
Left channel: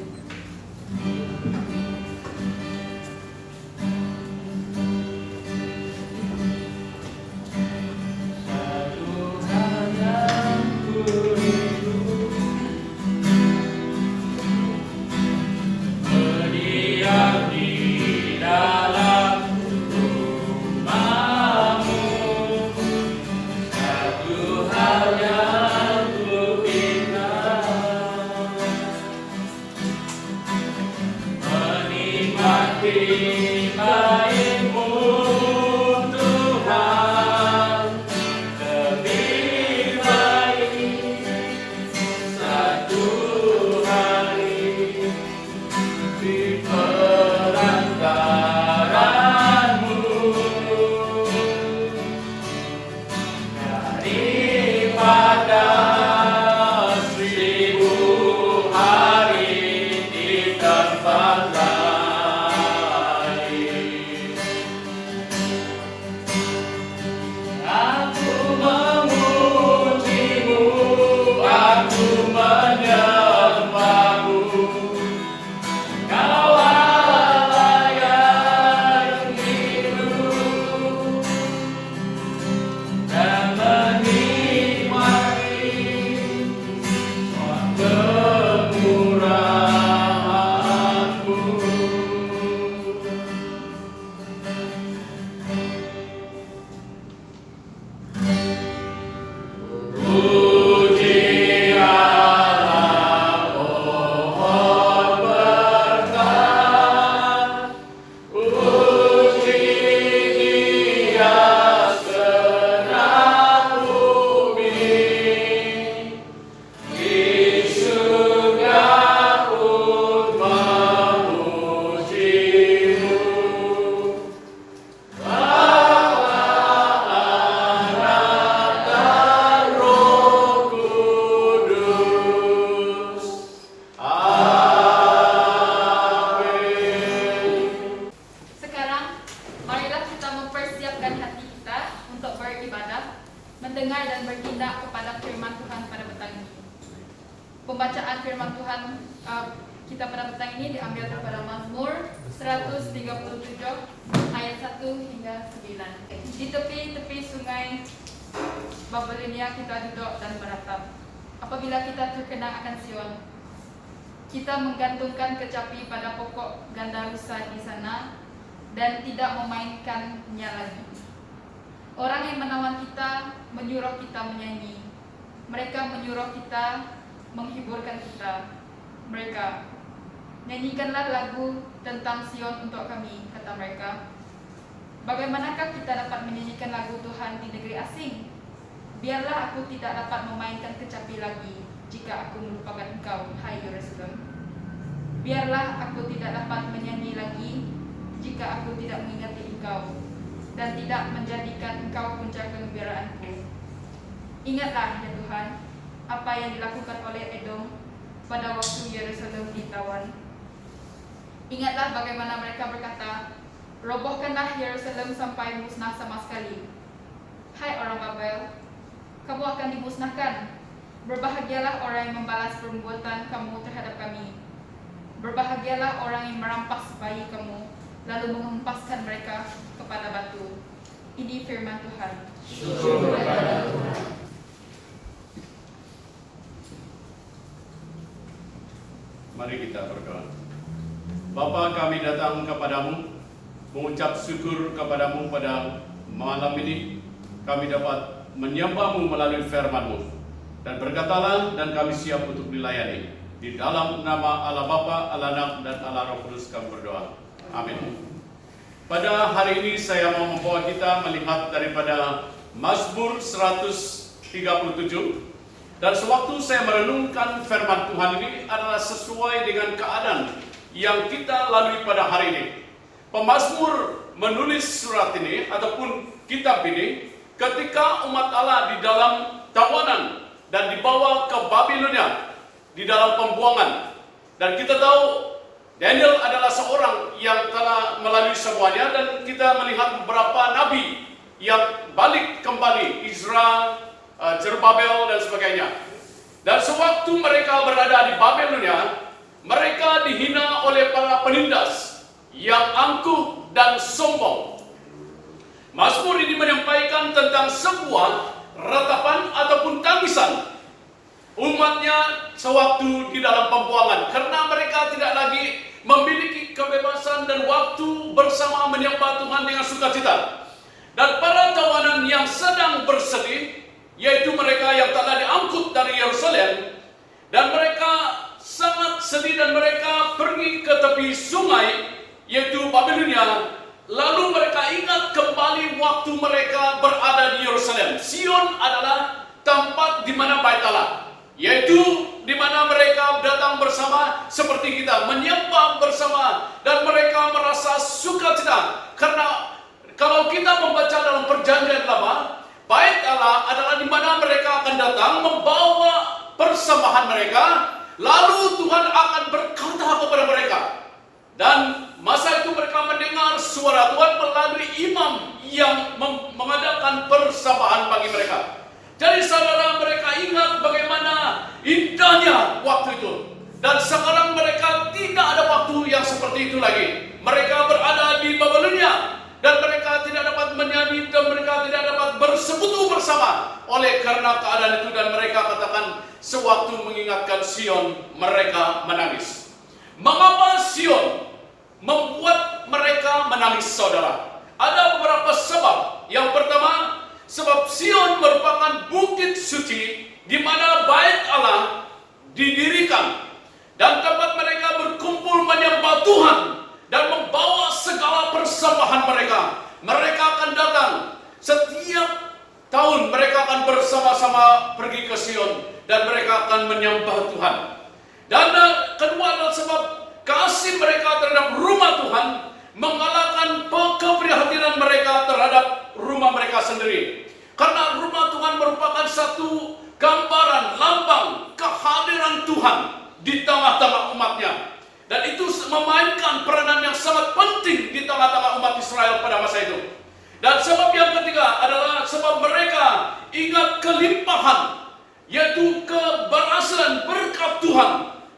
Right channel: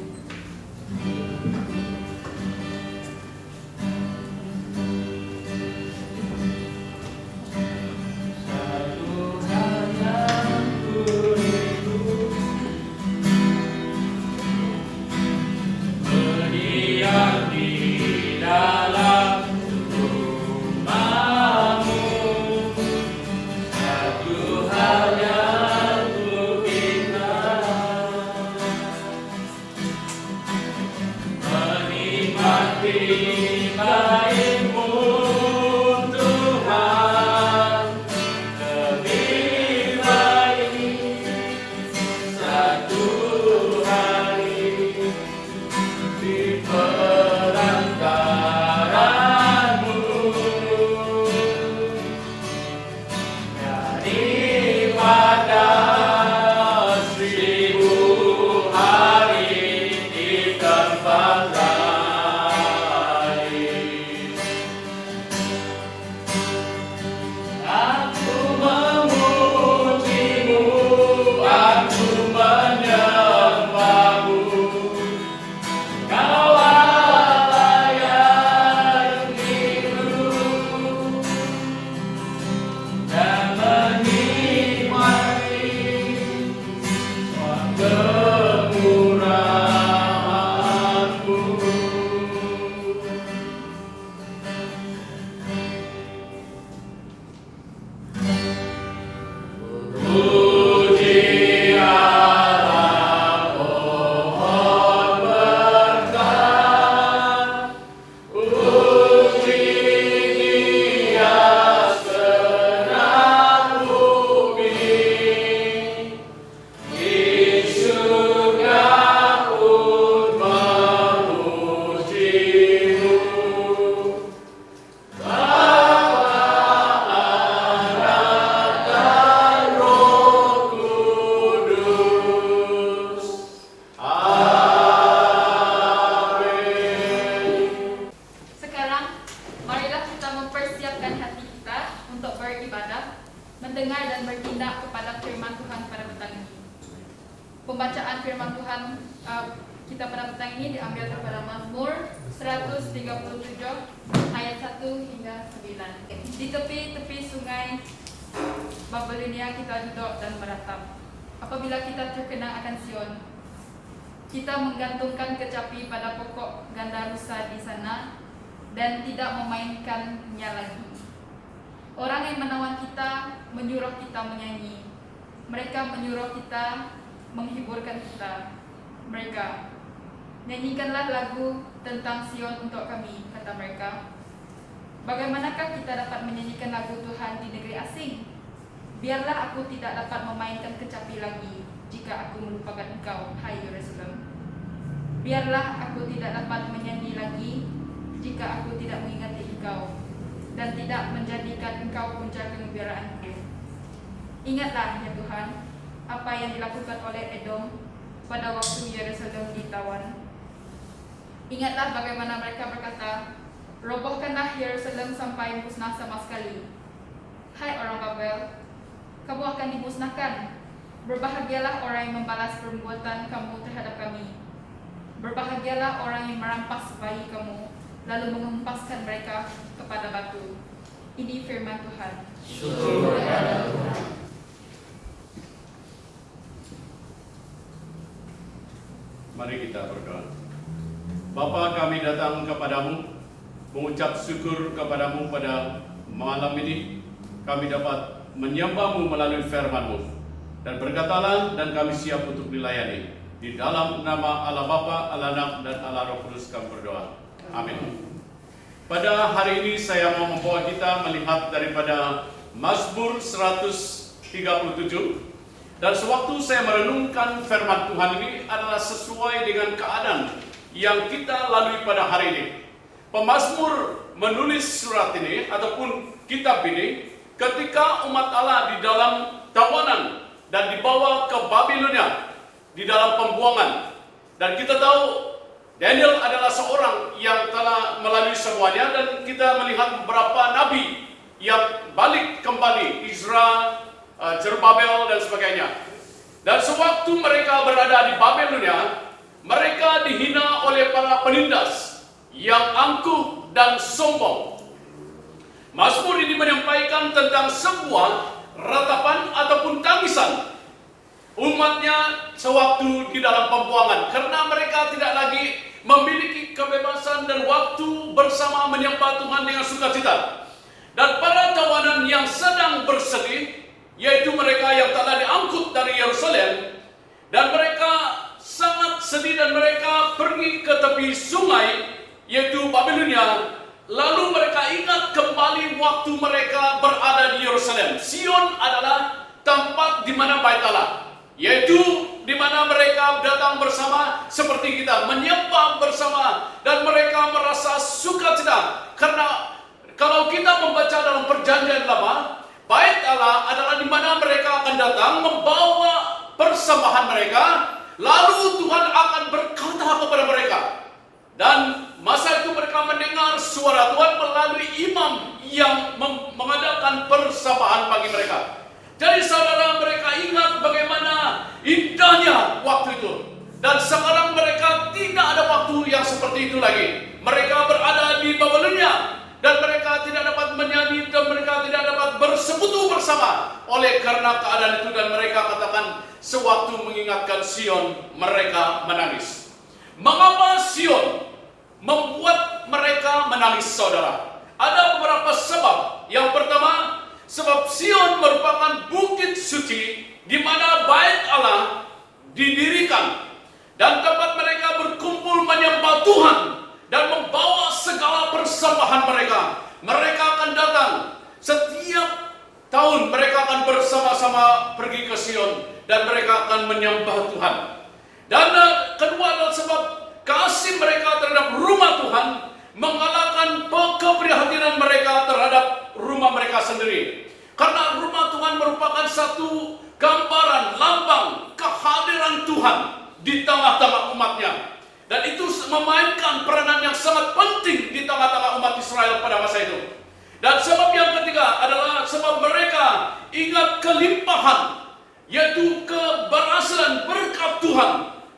kita pada petang ini diambil daripada Mazmur 137 ayat 1 hingga 9. Di tepi-tepi sungai Babilonia kita duduk dan meratap. Apabila kita terkenang akan Sion, kita menggantungkan kecapi pada pokok ganda rusa di sana dan tidak memainkannya lagi. Orang yang menawan kita menyuruh kita menyanyi. Mereka menyuruh kita menghiburkan kita. Mereka, nyanyikanlah lagu tentang Sion untuk kami, kata mereka. Bagaimanakah kita dapat menyanyikan lagu Tuhan di negeri asing? Biarlah aku tidak dapat memainkan kecapi lagi jika aku melupakan engkau, hai Yerusalem. Biarlah aku tidak dapat menyanyi lagi jika aku tidak mengingati engkau dan tidak menjadikan engkau punca kegembiraanku. Ingatlah ya Tuhan, apa yang dilakukan oleh Edom pada waktu Yerusalem ditawan. Ingatlah bagaimana mereka berkata, robohkanlah Yerusalem sampai musnah sama sekali. Hai orang Babel, kamu akan dimusnahkan. Berbahagialah orang yang membalas perbuatan kamu terhadap kami. Berbahagialah orang yang merampas bayi kamu, lalu menghempaskan mereka kepada batu. Ini firman Tuhan. Mari kita berdoa. Bapa, kami datang kepadamu, mengucap syukur kepadamu pada malam ini. Kami dapat menyembahmu melalui firman-Mu. Dan berkatalah, dan kami siap untuk dilayani. Di dalam nama Allah Bapa, Allah Anak, dan Allah Roh Kudus kami berdoa. Amin. Pada hari ini saya mau membawa kita melihat daripada Mazmur 137. Dan sewaktu saya merenungkan firman Tuhan ini adalah sesuai dengan keadaan yang kita lalui pada hari ini. Pemazmur menulis surat ini ataupun kitab ini ketika umat Allah di dalam tawanan dan dibawa ke Babilonia di dalam pembuangan. Dan kita tahu Daniel adalah seorang yang telah melalui semuanya, dan kita melihat beberapa nabi yang balik kembali, Izra, Zerubbabel dan sebagainya. Dan sewaktu mereka berada di Babilonia, mereka dihina oleh para penindas yang angkuh dan sombong. Mazmur ini menyampaikan tentang sebuah ratapan ataupun tangisan umatnya sewaktu di dalam pembuangan, karena mereka tidak lagi memiliki kebebasan dan waktu bersama menyembah Tuhan dengan sukacita. Dan para tawanan yang sedang bersedih, yaitu mereka yang telah diangkut dari Yerusalem, dan mereka sangat sedih dan mereka pergi ke tepi sungai, yaitu Babilonia. Lalu mereka ingat kembali waktu mereka berada di Yerusalem. Sion adalah tempat di mana Bait Allah, yaitu di mana mereka datang bersama seperti kita, menyembah bersama, dan mereka merasa sukacita. Karena kalau kita membaca dalam perjanjian lama, Bait Allah adalah di mana mereka akan datang membawa persembahan mereka, lalu Tuhan akan berkata kepada mereka. Dan masa itu mereka mendengar suara Tuhan melalui imam yang mengadakan persembahan bagi mereka. Jadi saudara, mereka ingat bagaimana indahnya waktu itu. Dan sekarang mereka tidak ada waktu yang seperti itu lagi. Mereka berada di Babilonia, dan mereka tidak dapat menyanyi, dan mereka tidak dapat bersekutu bersama oleh karena keadaan itu. Dan mereka katakan, sewaktu mengingatkan Sion, mereka menangis. Mengapa Sion membuat mereka menangis, saudara? Ada beberapa sebab. Yang pertama, sebab Sion merupakan bukit suci di mana Bait Allah didirikan, dan tempat mereka berkumpul menyembah Tuhan dan membawa segala persembahan mereka. Mereka akan datang setiap tahun, mereka akan bersama-sama pergi ke Sion dan mereka akan menyembah Tuhan. Dan kedua adalah sebab kasih mereka terhadap rumah Tuhan mengalahkan keprihatinan mereka terhadap rumah mereka sendiri. Karena rumah Tuhan merupakan satu gambaran, lambang kehadiran Tuhan di tengah-tengah umatnya. Dan itu memainkan peranan yang sangat penting di tengah-tengah umat Israel pada masa itu. Dan sebab yang ketiga adalah sebab mereka ingat kelimpahan, yaitu keberhasilan berkat Tuhan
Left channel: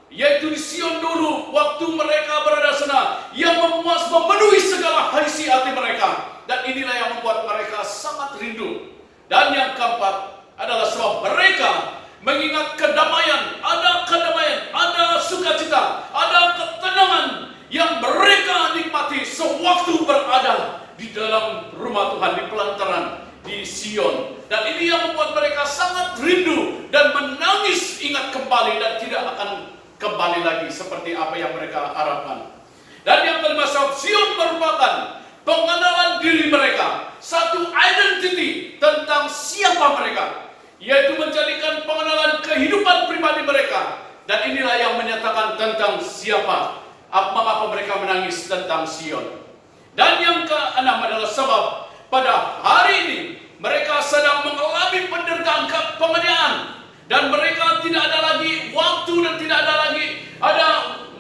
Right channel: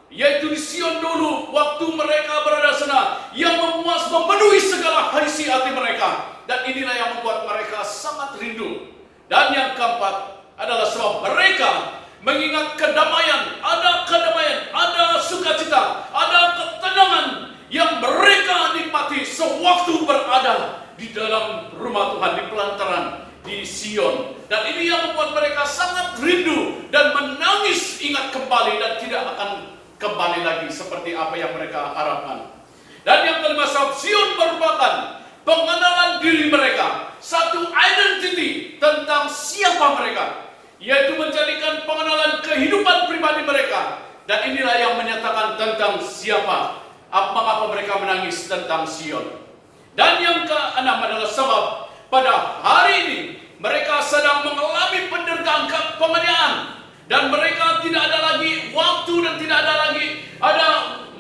yaitu di Sion dulu, waktu mereka berada sana, yang memenuhi segala haisi hati mereka. Dan inilah yang membuat mereka sangat rindu. Dan yang keempat adalah sebab mereka mengingat kedamaian, ada sukacita, ada ketenangan yang mereka nikmati sewaktu berada di dalam rumah Tuhan, di pelantaran di Sion. Dan ini yang membuat mereka sangat rindu dan menangis ingat kembali dan tidak akan kembali lagi seperti apa yang mereka harapkan. Dan yang kelima, sebab Sion merupakan pengenalan diri mereka, satu identity tentang siapa mereka, yaitu menjadikan pengenalan kehidupan pribadi mereka. Dan inilah yang menyatakan tentang siapa, mengapa mereka menangis tentang Sion. Dan yang keenam adalah sebab pada hari ini mereka sedang mengalami penderitaan penganiayaan, dan mereka tidak ada lagi waktu dan tidak ada lagi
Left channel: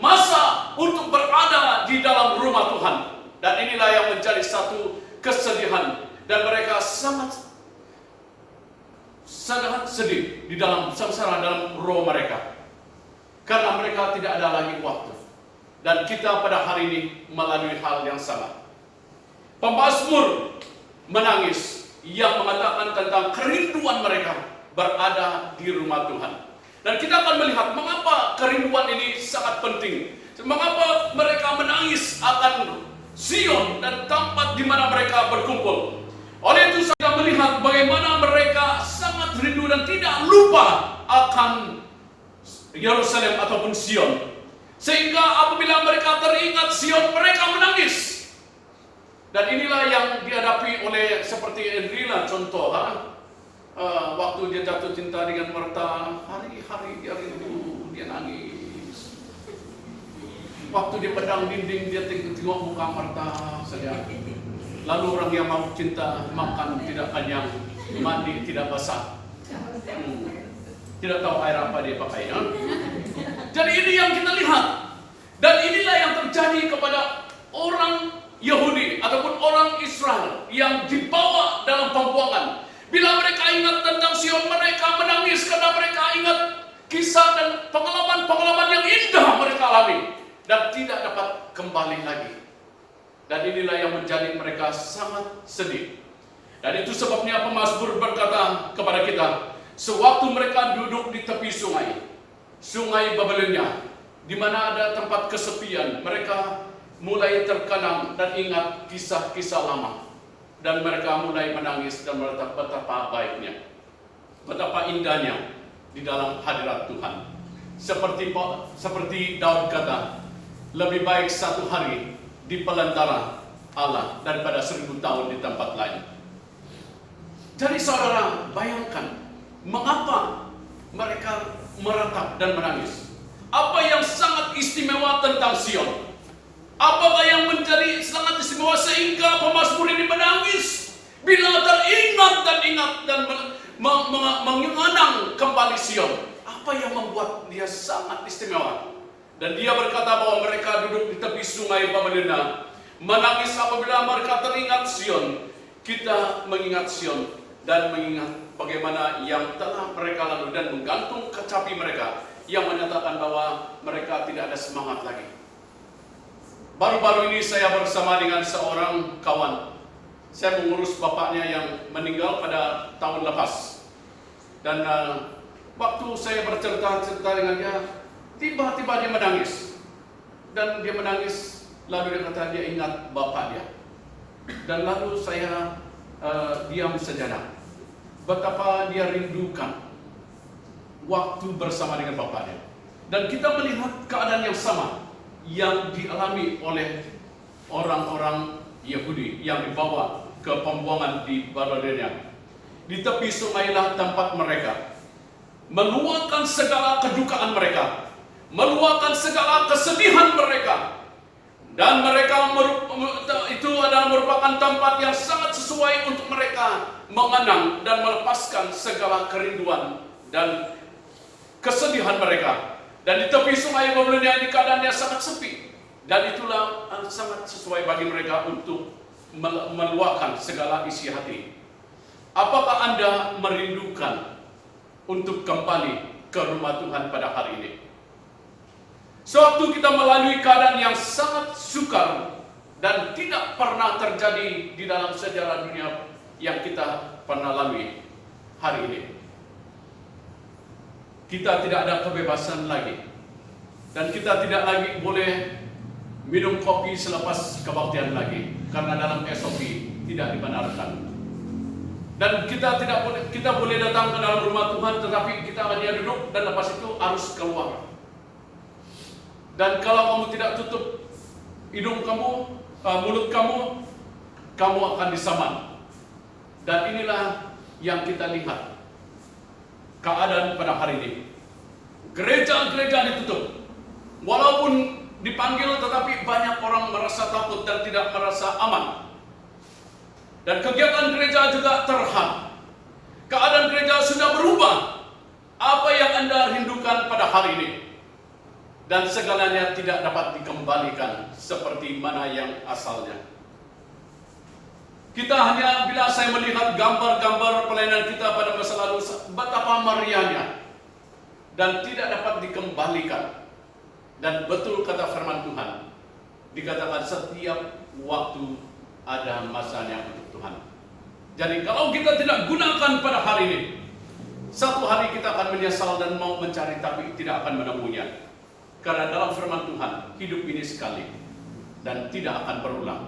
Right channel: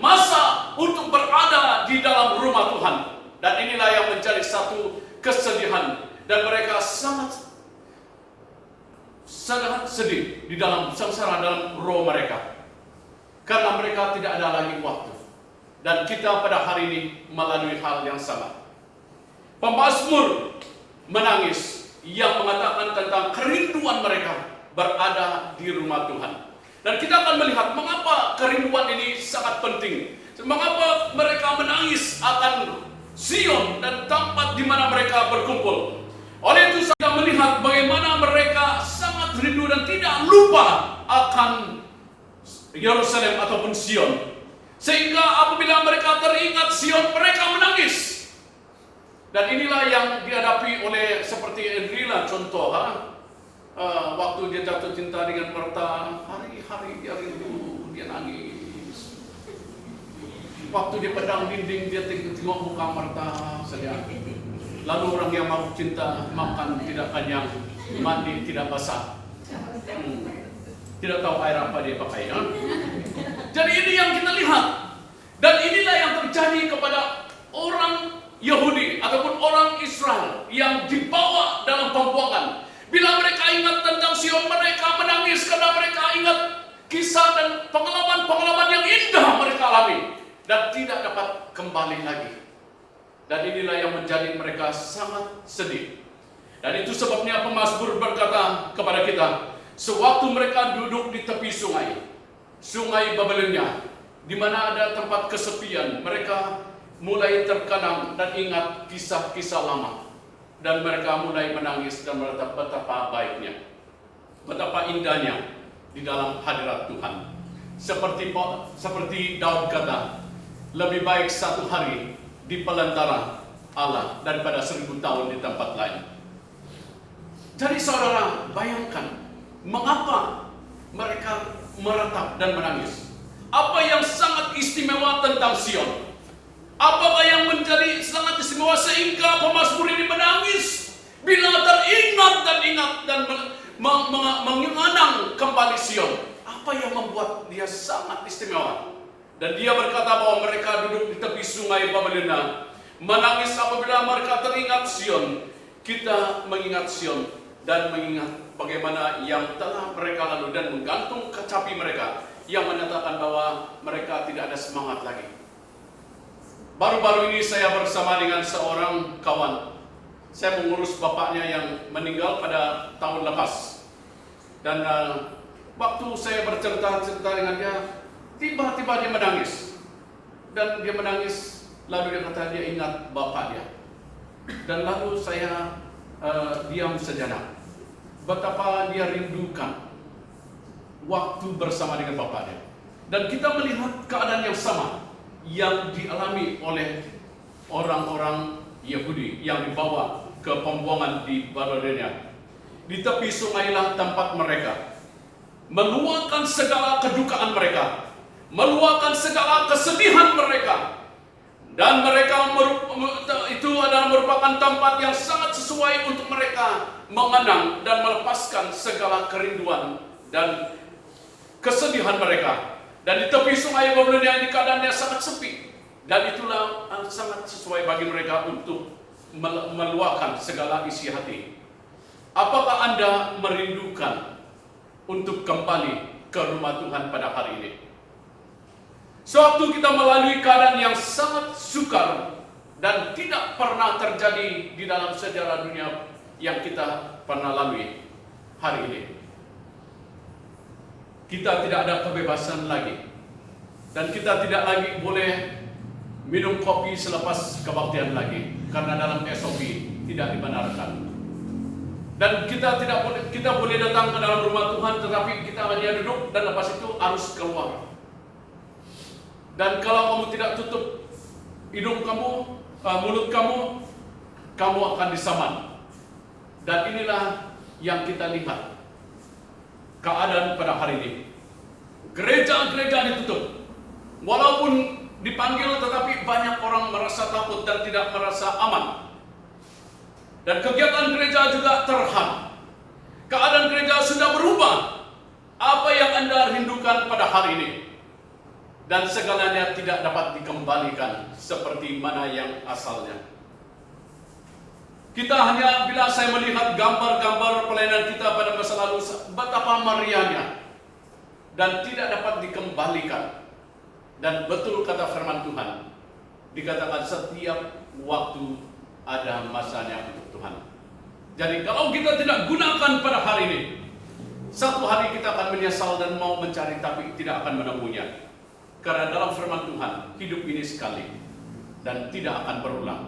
masa untuk berada di dalam rumah Tuhan. Dan inilah yang menjadi satu kesedihan, dan mereka sangat sedih di dalam sengsara dalam roh mereka, karena mereka tidak ada lagi waktu. Dan kita pada hari ini melalui hal yang sama. Pemazmur menangis yang mengatakan tentang kerinduan mereka berada di rumah Tuhan. Dan kita akan melihat mengapa kerinduan ini sangat penting. Mengapa mereka menangis akan Sion dan tempat di mana mereka berkumpul. Oleh itu saya melihat bagaimana mereka sangat rindu dan tidak lupa akan Yerusalem ataupun Sion. Sehingga apabila mereka teringat Sion, mereka menangis. Dan inilah yang dihadapi oleh seperti Enrila contoh. Waktu dia jatuh cinta dengan Marta, hari-hari dia rindu, dia nangis. Waktu dia pedang dinding, dia tengok muka Marta saja. Lalu orang yang mau cinta, makan tidak kenyang, mandi tidak basah. Tidak tahu air apa dia pakai. Jadi ini yang kita lihat. Dan inilah yang terjadi kepada orang Yahudi ataupun orang Israel yang dibawa dalam pembuangan. Bila mereka ingat tentang Sion, mereka menangis karena mereka ingat kisah dan pengalaman-pengalaman yang indah mereka alami dan tidak dapat kembali lagi. Dan inilah yang menjadi mereka sangat sedih. Dan itu sebabnya pemazmur berkata kepada kita, sewaktu mereka duduk di tepi sungai Babilonia, di mana ada tempat kesepian, mereka mulai terkenang dan ingat kisah-kisah lama. Dan mereka mulai menangis dan menatap betapa baiknya, betapa indahnya di dalam hadirat Tuhan. Seperti Daud kata, lebih baik satu hari di pelantaran Allah daripada 1000 tahun di tempat lain. Jadi saudara bayangkan mengapa mereka meratap dan menangis. Apa yang sangat istimewa tentang Sion? Apakah yang menjadi sangat istimewa sehingga pemazmur ini menangis bila teringat dan mengenang kembali Sion? Apa yang membuat dia sangat istimewa? Dan dia berkata bahwa mereka duduk di tepi sungai Babilonia, menangis apabila mereka teringat Sion. Kita mengingat Sion dan mengingat bagaimana yang telah mereka lalu dan menggantung kecapi mereka yang menyatakan bahwa mereka tidak ada semangat lagi. Baru-baru ini saya bersama dengan seorang kawan. Saya mengurus bapaknya yang meninggal pada tahun lepas. Dan waktu saya bercerita dengan dia, tiba-tiba dia menangis. Dan dia menangis, lalu dia kata dia ingat bapak dia. Dan lalu saya diam sejenak. Betapa dia rindukan waktu bersama dengan bapaknya. Dan kita melihat keadaan yang sama yang dialami oleh orang-orang Yahudi yang dibawa ke pembuangan di Babilonia. Di tepi sungailah tempat mereka meluapkan segala kedukaan mereka, meluapkan segala kesedihan mereka. Dan mereka itu adalah merupakan tempat yang sangat sesuai untuk mereka mengenang dan melepaskan segala kerinduan dan kesedihan mereka. Dan di tepi sungai Babilonia ini keadaannya sangat sepi. Dan itulah sangat sesuai bagi mereka untuk meluapkan segala isi hati. Apakah Anda merindukan untuk kembali ke rumah Tuhan pada hari ini? Sewaktu kita melalui keadaan yang sangat sukar dan tidak pernah terjadi di dalam sejarah dunia yang kita pernah lalui hari ini. Kita tidak ada kebebasan lagi. Dan kita tidak lagi boleh minum kopi selepas kebaktian lagi. Karena dalam SOP tidak dibenarkan. Dan kita boleh datang ke dalam rumah Tuhan, tetapi kita hanya duduk dan lepas itu harus keluar. Dan kalau kamu tidak tutup hidung kamu, mulut kamu, kamu akan disaman. Dan inilah yang kita lihat keadaan pada hari ini. Gereja-gereja ditutup. Walaupun dipanggil, tetapi banyak orang merasa takut dan tidak merasa aman. Dan kegiatan gereja juga terhad. Keadaan gereja sudah berubah. Apa yang Anda rindukan pada hari ini? Dan segalanya tidak dapat dikembalikan seperti mana yang asalnya. Kita hanya, bila saya melihat gambar-gambar pelayanan kita pada masa lalu, betapa meriahnya. Dan tidak dapat dikembalikan. Dan betul kata firman Tuhan, dikatakan setiap waktu ada masanya untuk Tuhan. Jadi kalau kita tidak gunakan pada hari ini, satu hari kita akan menyesal dan mau mencari tapi tidak akan menemunya. Karena dalam firman Tuhan, hidup ini sekali dan tidak akan berulang.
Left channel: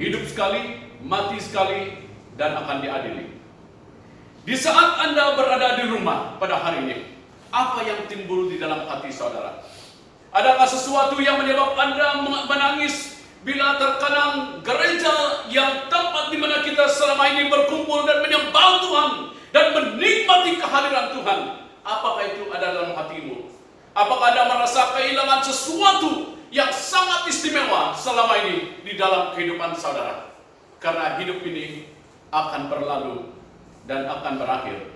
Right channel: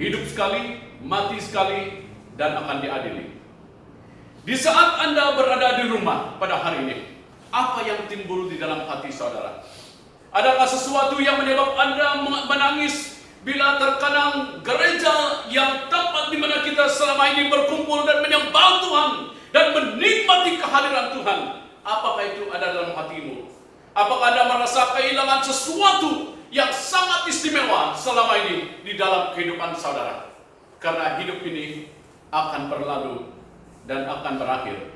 Hidup sekali, mati sekali, dan akan diadili. Di saat Anda berada di rumah pada hari ini, apa yang timbul di dalam hati saudara? Adakah sesuatu yang menyebabkan Anda menangis bila terkenang gereja yang tempat di mana kita selama ini berkumpul dan menyembah Tuhan dan menikmati kehadiran Tuhan? Apakah itu ada dalam hatimu? Apakah Anda merasa kehilangan sesuatu yang sangat istimewa selama ini di dalam kehidupan saudara? Karena hidup ini akan berlalu dan akan berakhir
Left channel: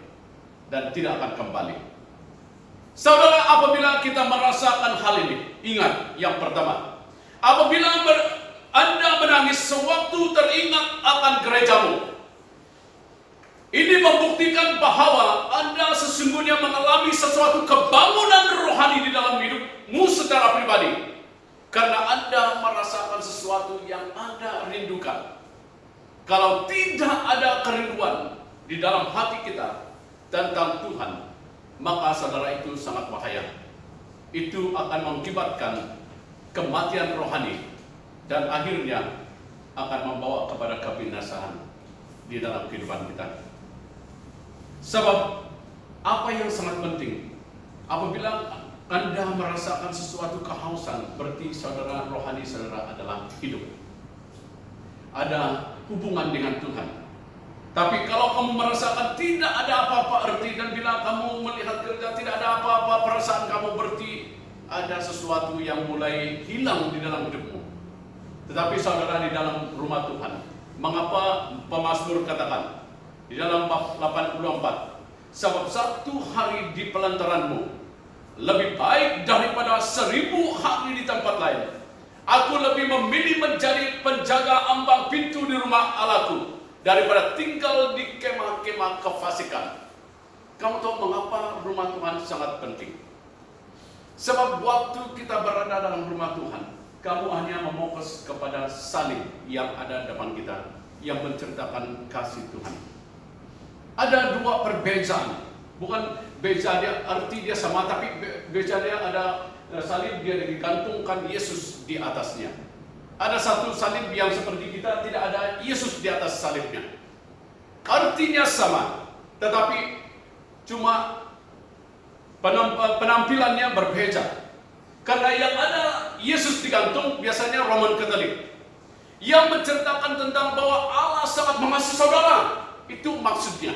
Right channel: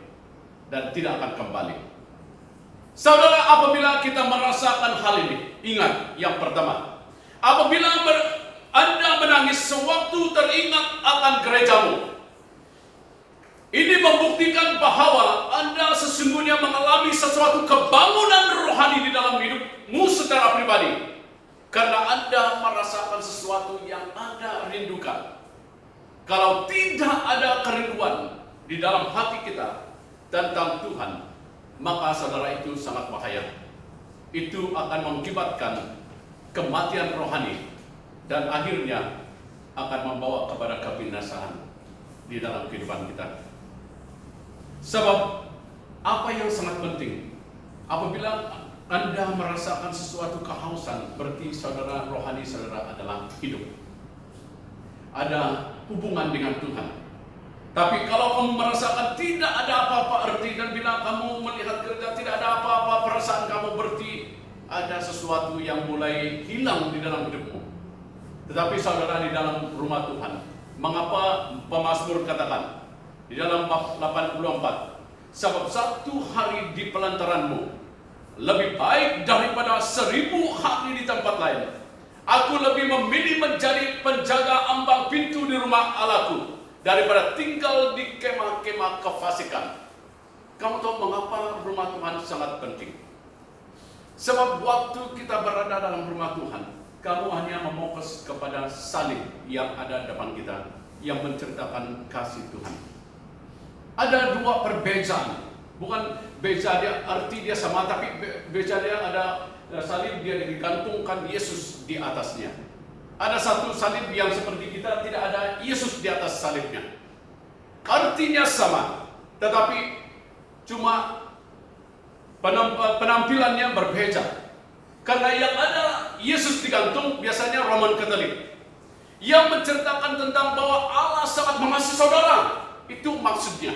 dan tidak akan kembali. Saudara, apabila kita merasakan hal ini, ingat yang pertama, apabila Anda menangis sewaktu teringat akan gerejamu, ini membuktikan bahwa Anda sesungguhnya mengalami sesuatu kebangunan rohani di dalam hidupmu secara pribadi. Karena Anda merasakan sesuatu yang Anda rindukan. Kalau tidak ada kerinduan di dalam hati kita tentang Tuhan, maka saudara itu sangat bahaya. Itu akan mengakibatkan kematian rohani dan akhirnya akan membawa kepada kebinasaan di dalam kehidupan kita. Sebab apa yang sangat penting, apabila Anda merasakan sesuatu kehausan, berarti saudara rohani saudara adalah hidup. Ada hubungan dengan Tuhan. Tapi kalau kamu merasakan tidak ada apa-apa arti, dan bila kamu melihat gereja tidak ada apa-apa, perasaan kamu berarti ada sesuatu yang mulai hilang di dalam hidupmu. Tetapi saudara, di dalam rumah Tuhan, mengapa pemazmur katakan di dalam bab 84, sebab satu hari di pelantaranmu lebih baik daripada 1000 hari di tempat lain. Aku lebih memilih menjadi penjaga ambang pintu di rumah Allahku daripada tinggal di kemah-kemah kefasikan. Kamu tahu mengapa rumah Tuhan sangat penting? Sebab waktu kita berada dalam rumah Tuhan, kamu hanya memokus kepada salib yang ada depan kita, yang menceritakan kasih Tuhan. Ada dua perbezaan, bukan beza dia arti dia sama, tapi beza dia ada salib dia digantungkan Yesus di atasnya. Ada satu salib yang seperti kita tidak ada Yesus di atas salibnya. Artinya sama, tetapi cuma penampilannya berbeda. Karena yang ada Yesus digantung biasanya Roman Katolik, yang menceritakan tentang bahwa Allah sangat mengasihi saudara. Itu maksudnya,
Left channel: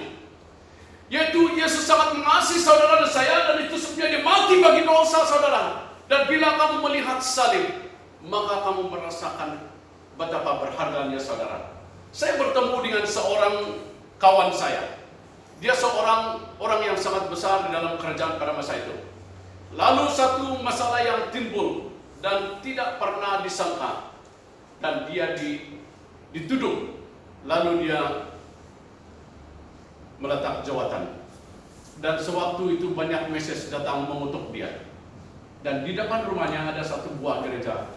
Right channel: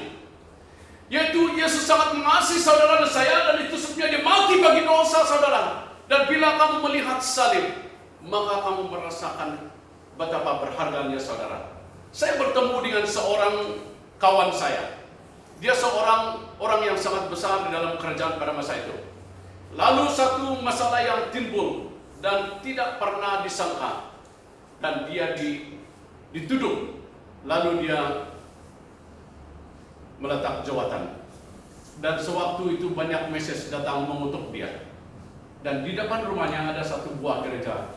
yaitu Yesus sangat mengasihi saudara dan saya, dan itu sebabnya dia mati bagi dosa saudara. Dan bila kamu melihat salib, maka kamu merasakan betapa berharganya saudara. Saya bertemu dengan seorang kawan saya. Dia seorang orang yang sangat besar di dalam kerajaan pada masa itu. Lalu satu masalah yang timbul dan tidak pernah disangka, dan dia dituduh. Lalu dia meletak jawatan. Dan sewaktu itu banyak mesej datang mengutuk dia. Dan di depan rumahnya ada satu buah gereja.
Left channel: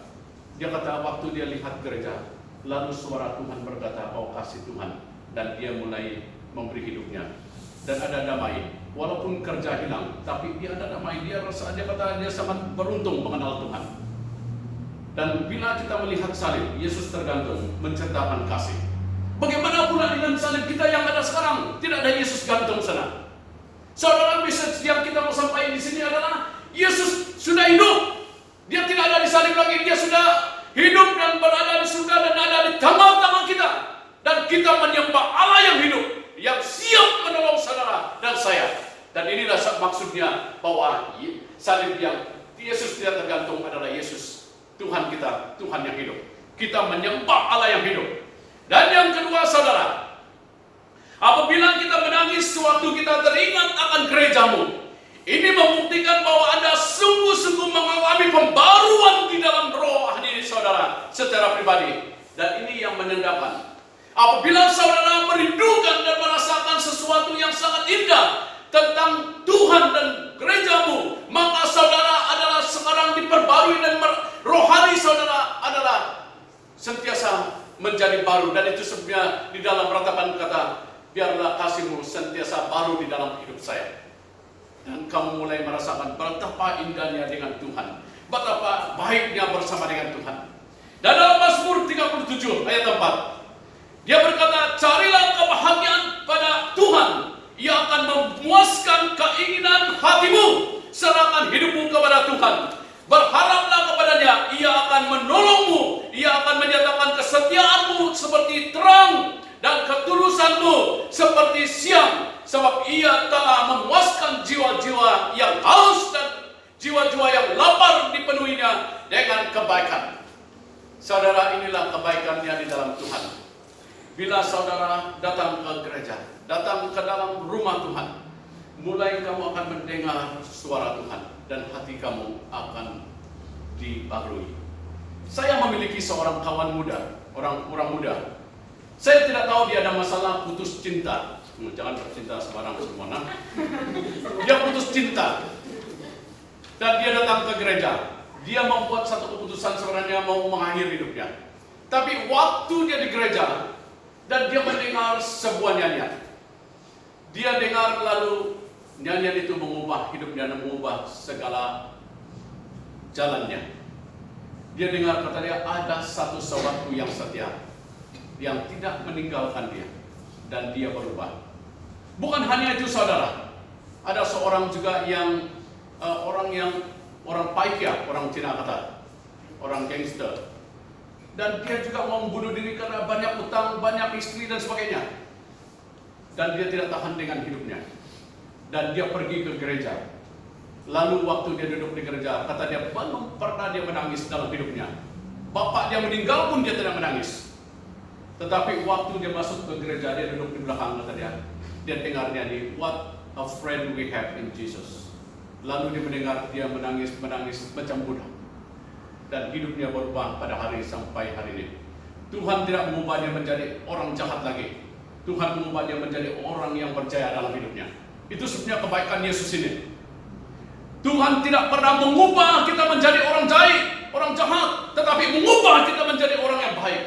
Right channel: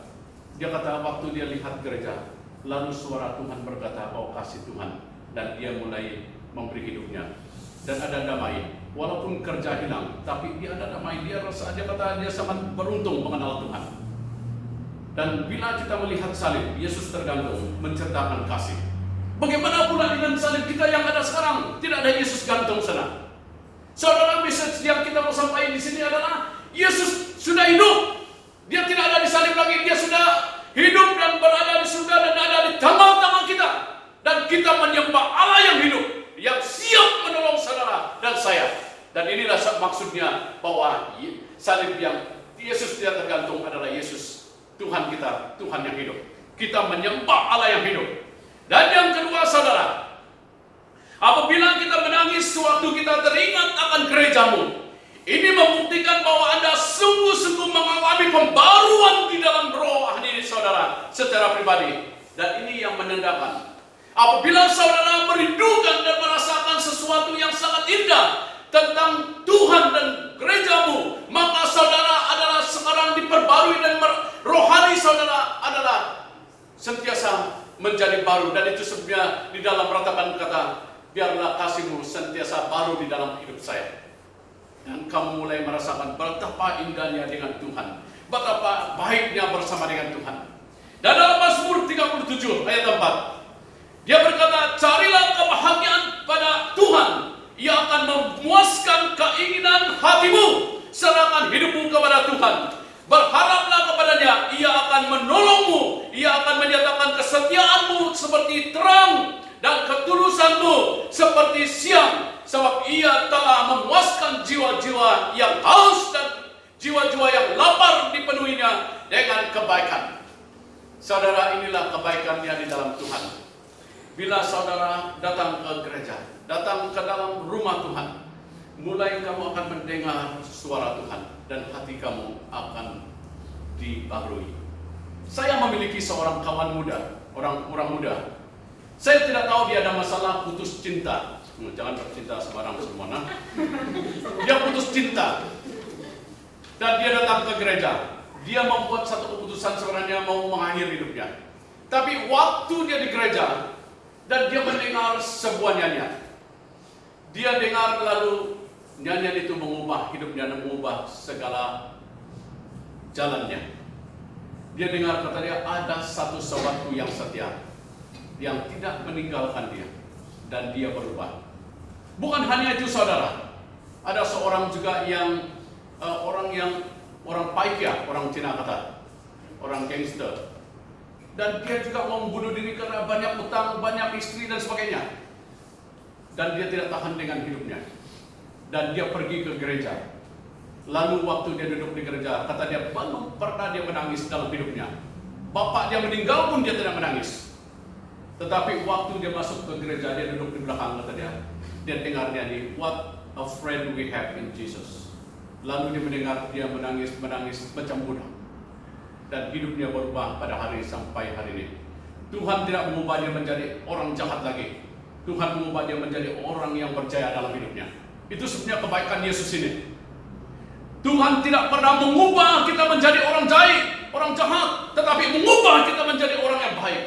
Dia kata waktu dia lihat gereja, lalu suara Tuhan berkata, "Oh kasih Tuhan." Dan dia mulai memberi hidupnya. Dan ada damai. Walaupun kerja hilang, tapi dia ada damai. Dia kata dia sangat beruntung mengenal Tuhan. Dan bila kita melihat salib, Yesus tergantung menceritakan kasih. Bagaimana pula dengan salib kita yang ada sekarang? Tidak ada Yesus gantung sana. Saudara, message yang kita mau sampaikan di sini adalah Yesus sudah hidup. Dia tidak ada di salib lagi. Dia sudah hidup dan berada di surga dan ada di tangan-tangan kita. Dan kita menyembah Allah yang hidup, yang siap menolong saudara dan saya. Dan inilah maksudnya bahwa salib yang Yesus tidak tergantung adalah Yesus, Tuhan kita, Tuhan yang hidup. Kita menyembah Allah yang hidup. Dan yang kedua saudara, apabila kita menangis sewaktu kita teringat akan gerejamu, ini membuktikan bahwa Anda sungguh-sungguh mengalami pembaruan di dalam roh hadirin saudara secara pribadi. Dan ini yang menandakan apabila saudara merindukan dan merasakan sesuatu yang sangat indah tentang Tuhan dan gerejamu, maka saudara adalah sekarang diperbarui dan rohani saudara adalah sentiasa menjadi baru. Dan itu sebenarnya di dalam ratapan kata, biarlah kasihmu sentiasa baru di dalam hidup saya. Dan kamu mulai merasakan betapa indahnya dengan Tuhan, betapa baiknya bersama dengan Tuhan. Dan dalam Mazmur 37 ayat 4, dia berkata, "Carilah kebahagiaan pada Tuhan, Ia akan memuaskan keinginan hatimu. Serahkan hidupmu kepada Tuhan. Berharaplah kepadanya, Ia akan menolongmu. Ia akan menyatakan kesetiaanmu seperti terang dan ketulusanmu seperti siang. Sebab Ia telah memuaskan jiwa-jiwa yang haus dan jiwa-jiwa yang lapar dipenuhinya dengan kebaikan." Saudara, inilah kebaikannya di dalam Tuhan. Bila saudara datang ke gereja, datang ke dalam rumah Tuhan, mulai kamu akan mendengar suara Tuhan dan hati kamu akan dibarui. Saya memiliki seorang kawan muda, orang muda. Saya tidak tahu dia ada masalah putus cinta. Jangan bercinta sembarang semua. Dia putus cinta. Dan dia datang ke gereja. Dia membuat satu keputusan sebenarnya mau mengakhiri hidupnya. Tapi waktu dia di gereja dan dia mendengar sebuah nyanyian. Dia dengar lalu nyanyian itu mengubah hidupnya dan mengubah segala jalannya. Dia dengar katanya ada satu sahabatku yang setia, yang tidak meninggalkan dia, dan dia berubah. Bukan hanya itu saudara, ada seorang juga yang orang paikya, orang Cina kata, orang gangster, dan dia juga mau membunuh diri karena banyak utang, banyak istri dan sebagainya, dan dia tidak tahan dengan hidupnya, dan dia pergi ke gereja. Lalu waktu dia duduk di gereja, kata dia belum pernah dia menangis dalam hidupnya. Bapak dia meninggal pun dia tidak menangis. Tetapi waktu dia masuk ke gereja, dia duduk di belakang, kata dia dengar nyanyi, "What a friend we have in Jesus." Lalu dia mendengar dia menangis macam budak. Dan hidupnya berubah pada hari sampai hari ini. Tuhan tidak mengubah dia menjadi orang jahat lagi. Tuhan mengubah dia menjadi orang yang percaya dalam hidupnya. Itu sebenarnya kebaikan Yesus ini. Tuhan tidak pernah mengubah kita menjadi orang jahat, tetapi mengubah kita menjadi orang yang baik.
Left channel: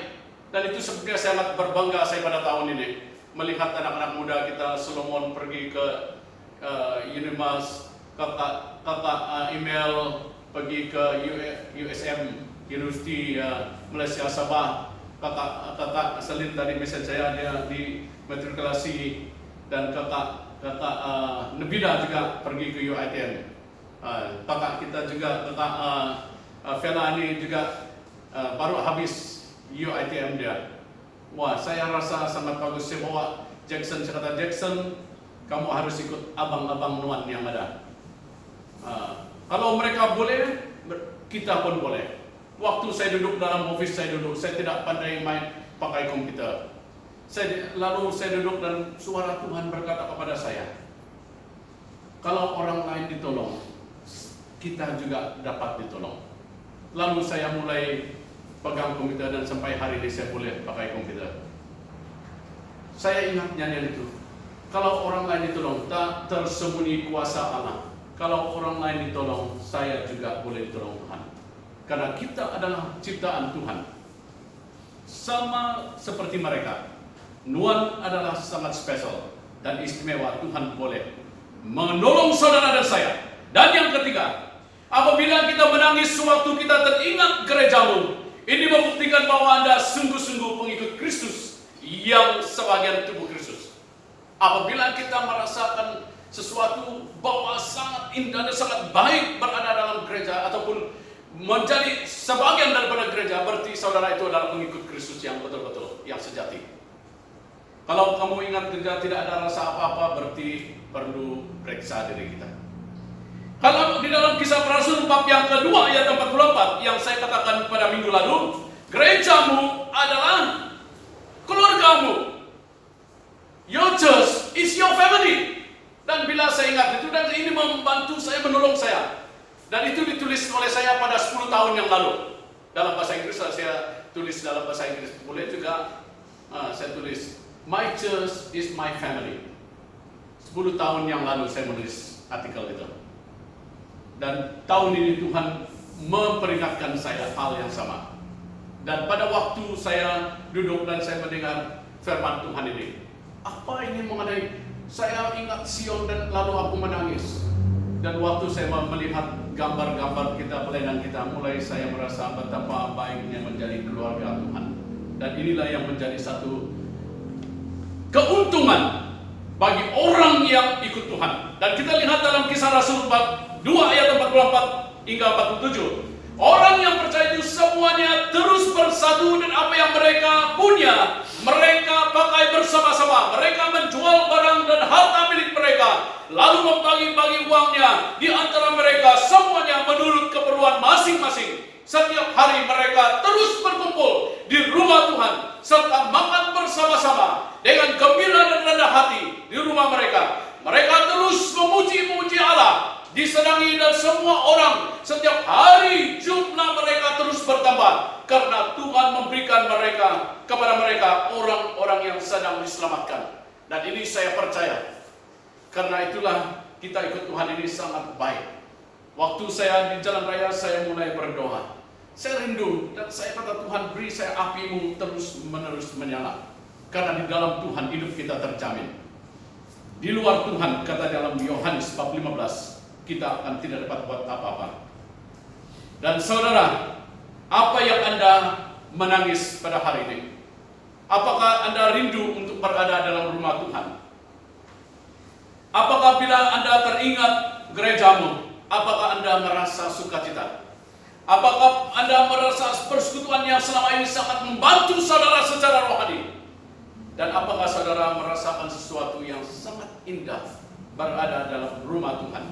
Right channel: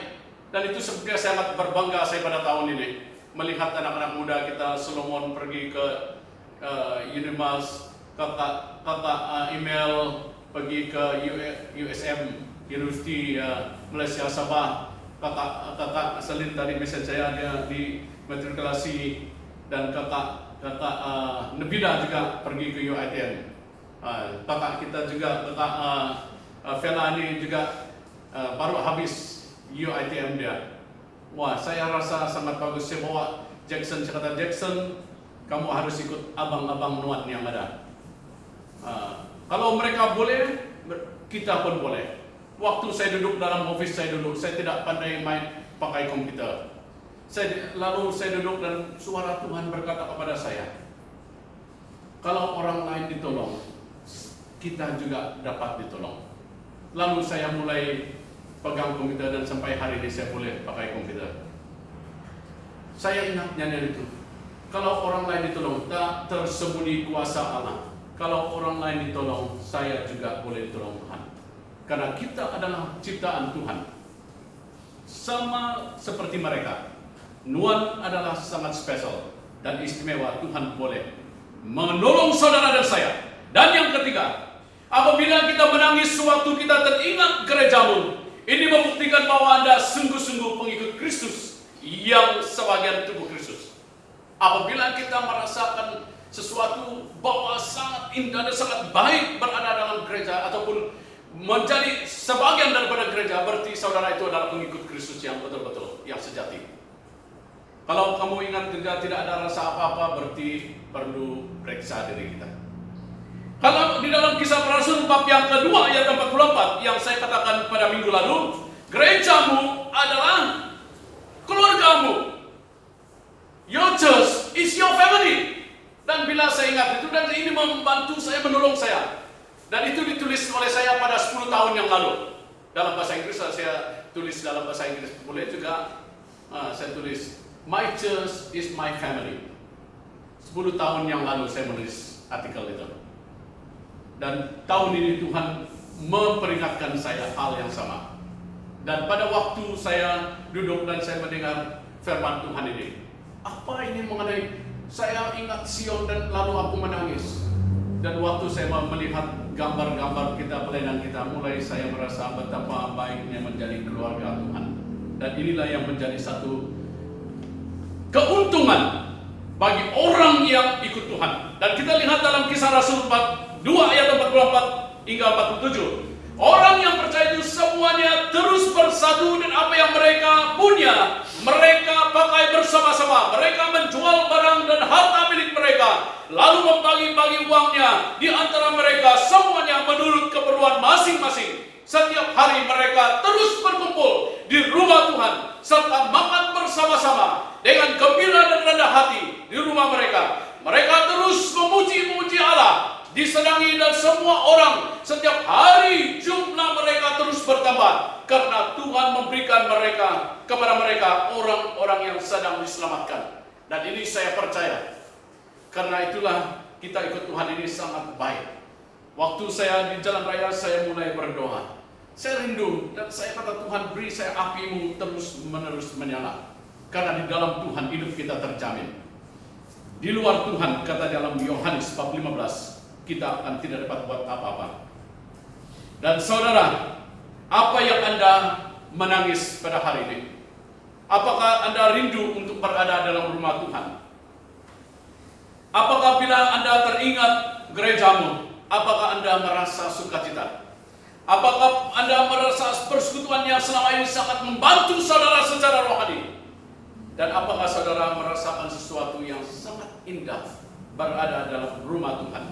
Dan itu sebenarnya sangat berbangga saya pada tahun ini melihat anak-anak muda kita. Solomon pergi ke Unimas, kakak email pergi ke USM University Malaysia Sabah. Kakak Selin tadi mesej saya, dia di matrikulasi, dan kakak Nebida juga pergi ke UITM. Kakak kita juga, kakak Vela ini juga baru habis UITM dia. Wah, saya rasa sangat bagus. Saya bawa Jackson, saya kata, "Jackson, kamu harus ikut abang-abang Nuan yang ada. Kalau mereka boleh, kita pun boleh." Waktu saya duduk dalam office saya tidak pandai main pakai komputer. Lalu saya duduk dan suara Tuhan berkata kepada saya, kalau orang lain ditolong, kita juga dapat ditolong. Lalu saya mulai pegang komputer dan sampai hari ini saya boleh pakai komputer. Saya ingat nyanyian itu. Kalau orang lain ditolong, tak tersembunyi kuasa Allah. Kalau orang lain ditolong, saya juga boleh ditolong Tuhan. Karena kita adalah ciptaan Tuhan. Sama seperti mereka, Nuan adalah sangat spesial dan istimewa. Tuhan boleh menolong saudara dan saya. Dan yang ketiga, apabila kita menangis sewaktu kita teringat gerejamu, ini membuktikan bahwa Anda sungguh-sungguh pengikut Kristus yang sebagian tubuh Kristus. Apabila kita merasakan sesuatu bahwa sangat indah dan sangat baik berada dalam gereja ataupun menjadi sebagian daripada gereja, berarti saudara itu adalah pengikut Kristus yang betul-betul, yang sejati. Kalau kamu ingat gereja tidak ada rasa apa-apa, berarti perlu periksa diri kita. Kalau di dalam Kisah Para Rasul bab yang kedua ayat 44 yang saya katakan pada minggu lalu, gerejamu adalah keluargamu. Your church is your family. Dan bila saya ingat itu, dan ini membantu saya, menolong saya. Dan itu ditulis oleh saya pada 10 tahun yang lalu. Dalam bahasa Inggris saya tulis dalam bahasa Inggris. Boleh juga saya tulis, My church is my family. 10 tahun yang lalu saya menulis artikel itu. Dan tahun ini Tuhan memperingatkan saya hal yang sama. Dan pada waktu saya duduk dan saya mendengar firman Tuhan ini, apa ini mengenai, saya ingat Sion dan lalu aku menangis. Dan waktu saya melihat gambar-gambar kita, pelayanan kita, mulai saya merasa betapa baiknya menjadi keluarga Tuhan. Dan inilah yang menjadi satu keuntungan bagi orang yang ikut Tuhan. Dan kita lihat dalam Kisah Rasul bab 2 ayat 44 hingga 47. Orang yang percaya itu semuanya terus bersatu dan apa yang mereka punya, mereka pakai bersama-sama. Mereka menjual barang dan harta milik mereka, lalu membagi-bagi uangnya di antara mereka semuanya menurut keperluan masing-masing. Setiap hari mereka terus berkumpul di rumah Tuhan, serta makan bersama-sama dengan gembira dan rendah hati di rumah mereka. Mereka terus memuji Allah, disenangi dan semua orang. Setiap hari jumlah mereka terus bertambah karena Tuhan memberikan kepada mereka orang-orang yang sedang diselamatkan. Dan ini saya percaya, karena itulah kita ikut Tuhan ini sangat baik. Waktu saya di jalan raya, saya mulai berdoa. Saya rindu dan saya kata, Tuhan beri saya api-Mu terus-menerus menyala. Karena di dalam Tuhan hidup kita terjamin. Di luar Tuhan, kata dalam Yohanes bab 15, kita akan tidak dapat buat apa-apa. Dan saudara, apa yang Anda menangis pada hari ini? Apakah Anda rindu untuk berada dalam rumah Tuhan? Apakah bila Anda teringat gerejamu, apakah Anda merasa sukacita? Apakah Anda merasa persekutuan yang selama ini sangat membantu saudara secara rohani? Dan apakah saudara merasakan sesuatu yang sangat indah berada dalam rumah Tuhan?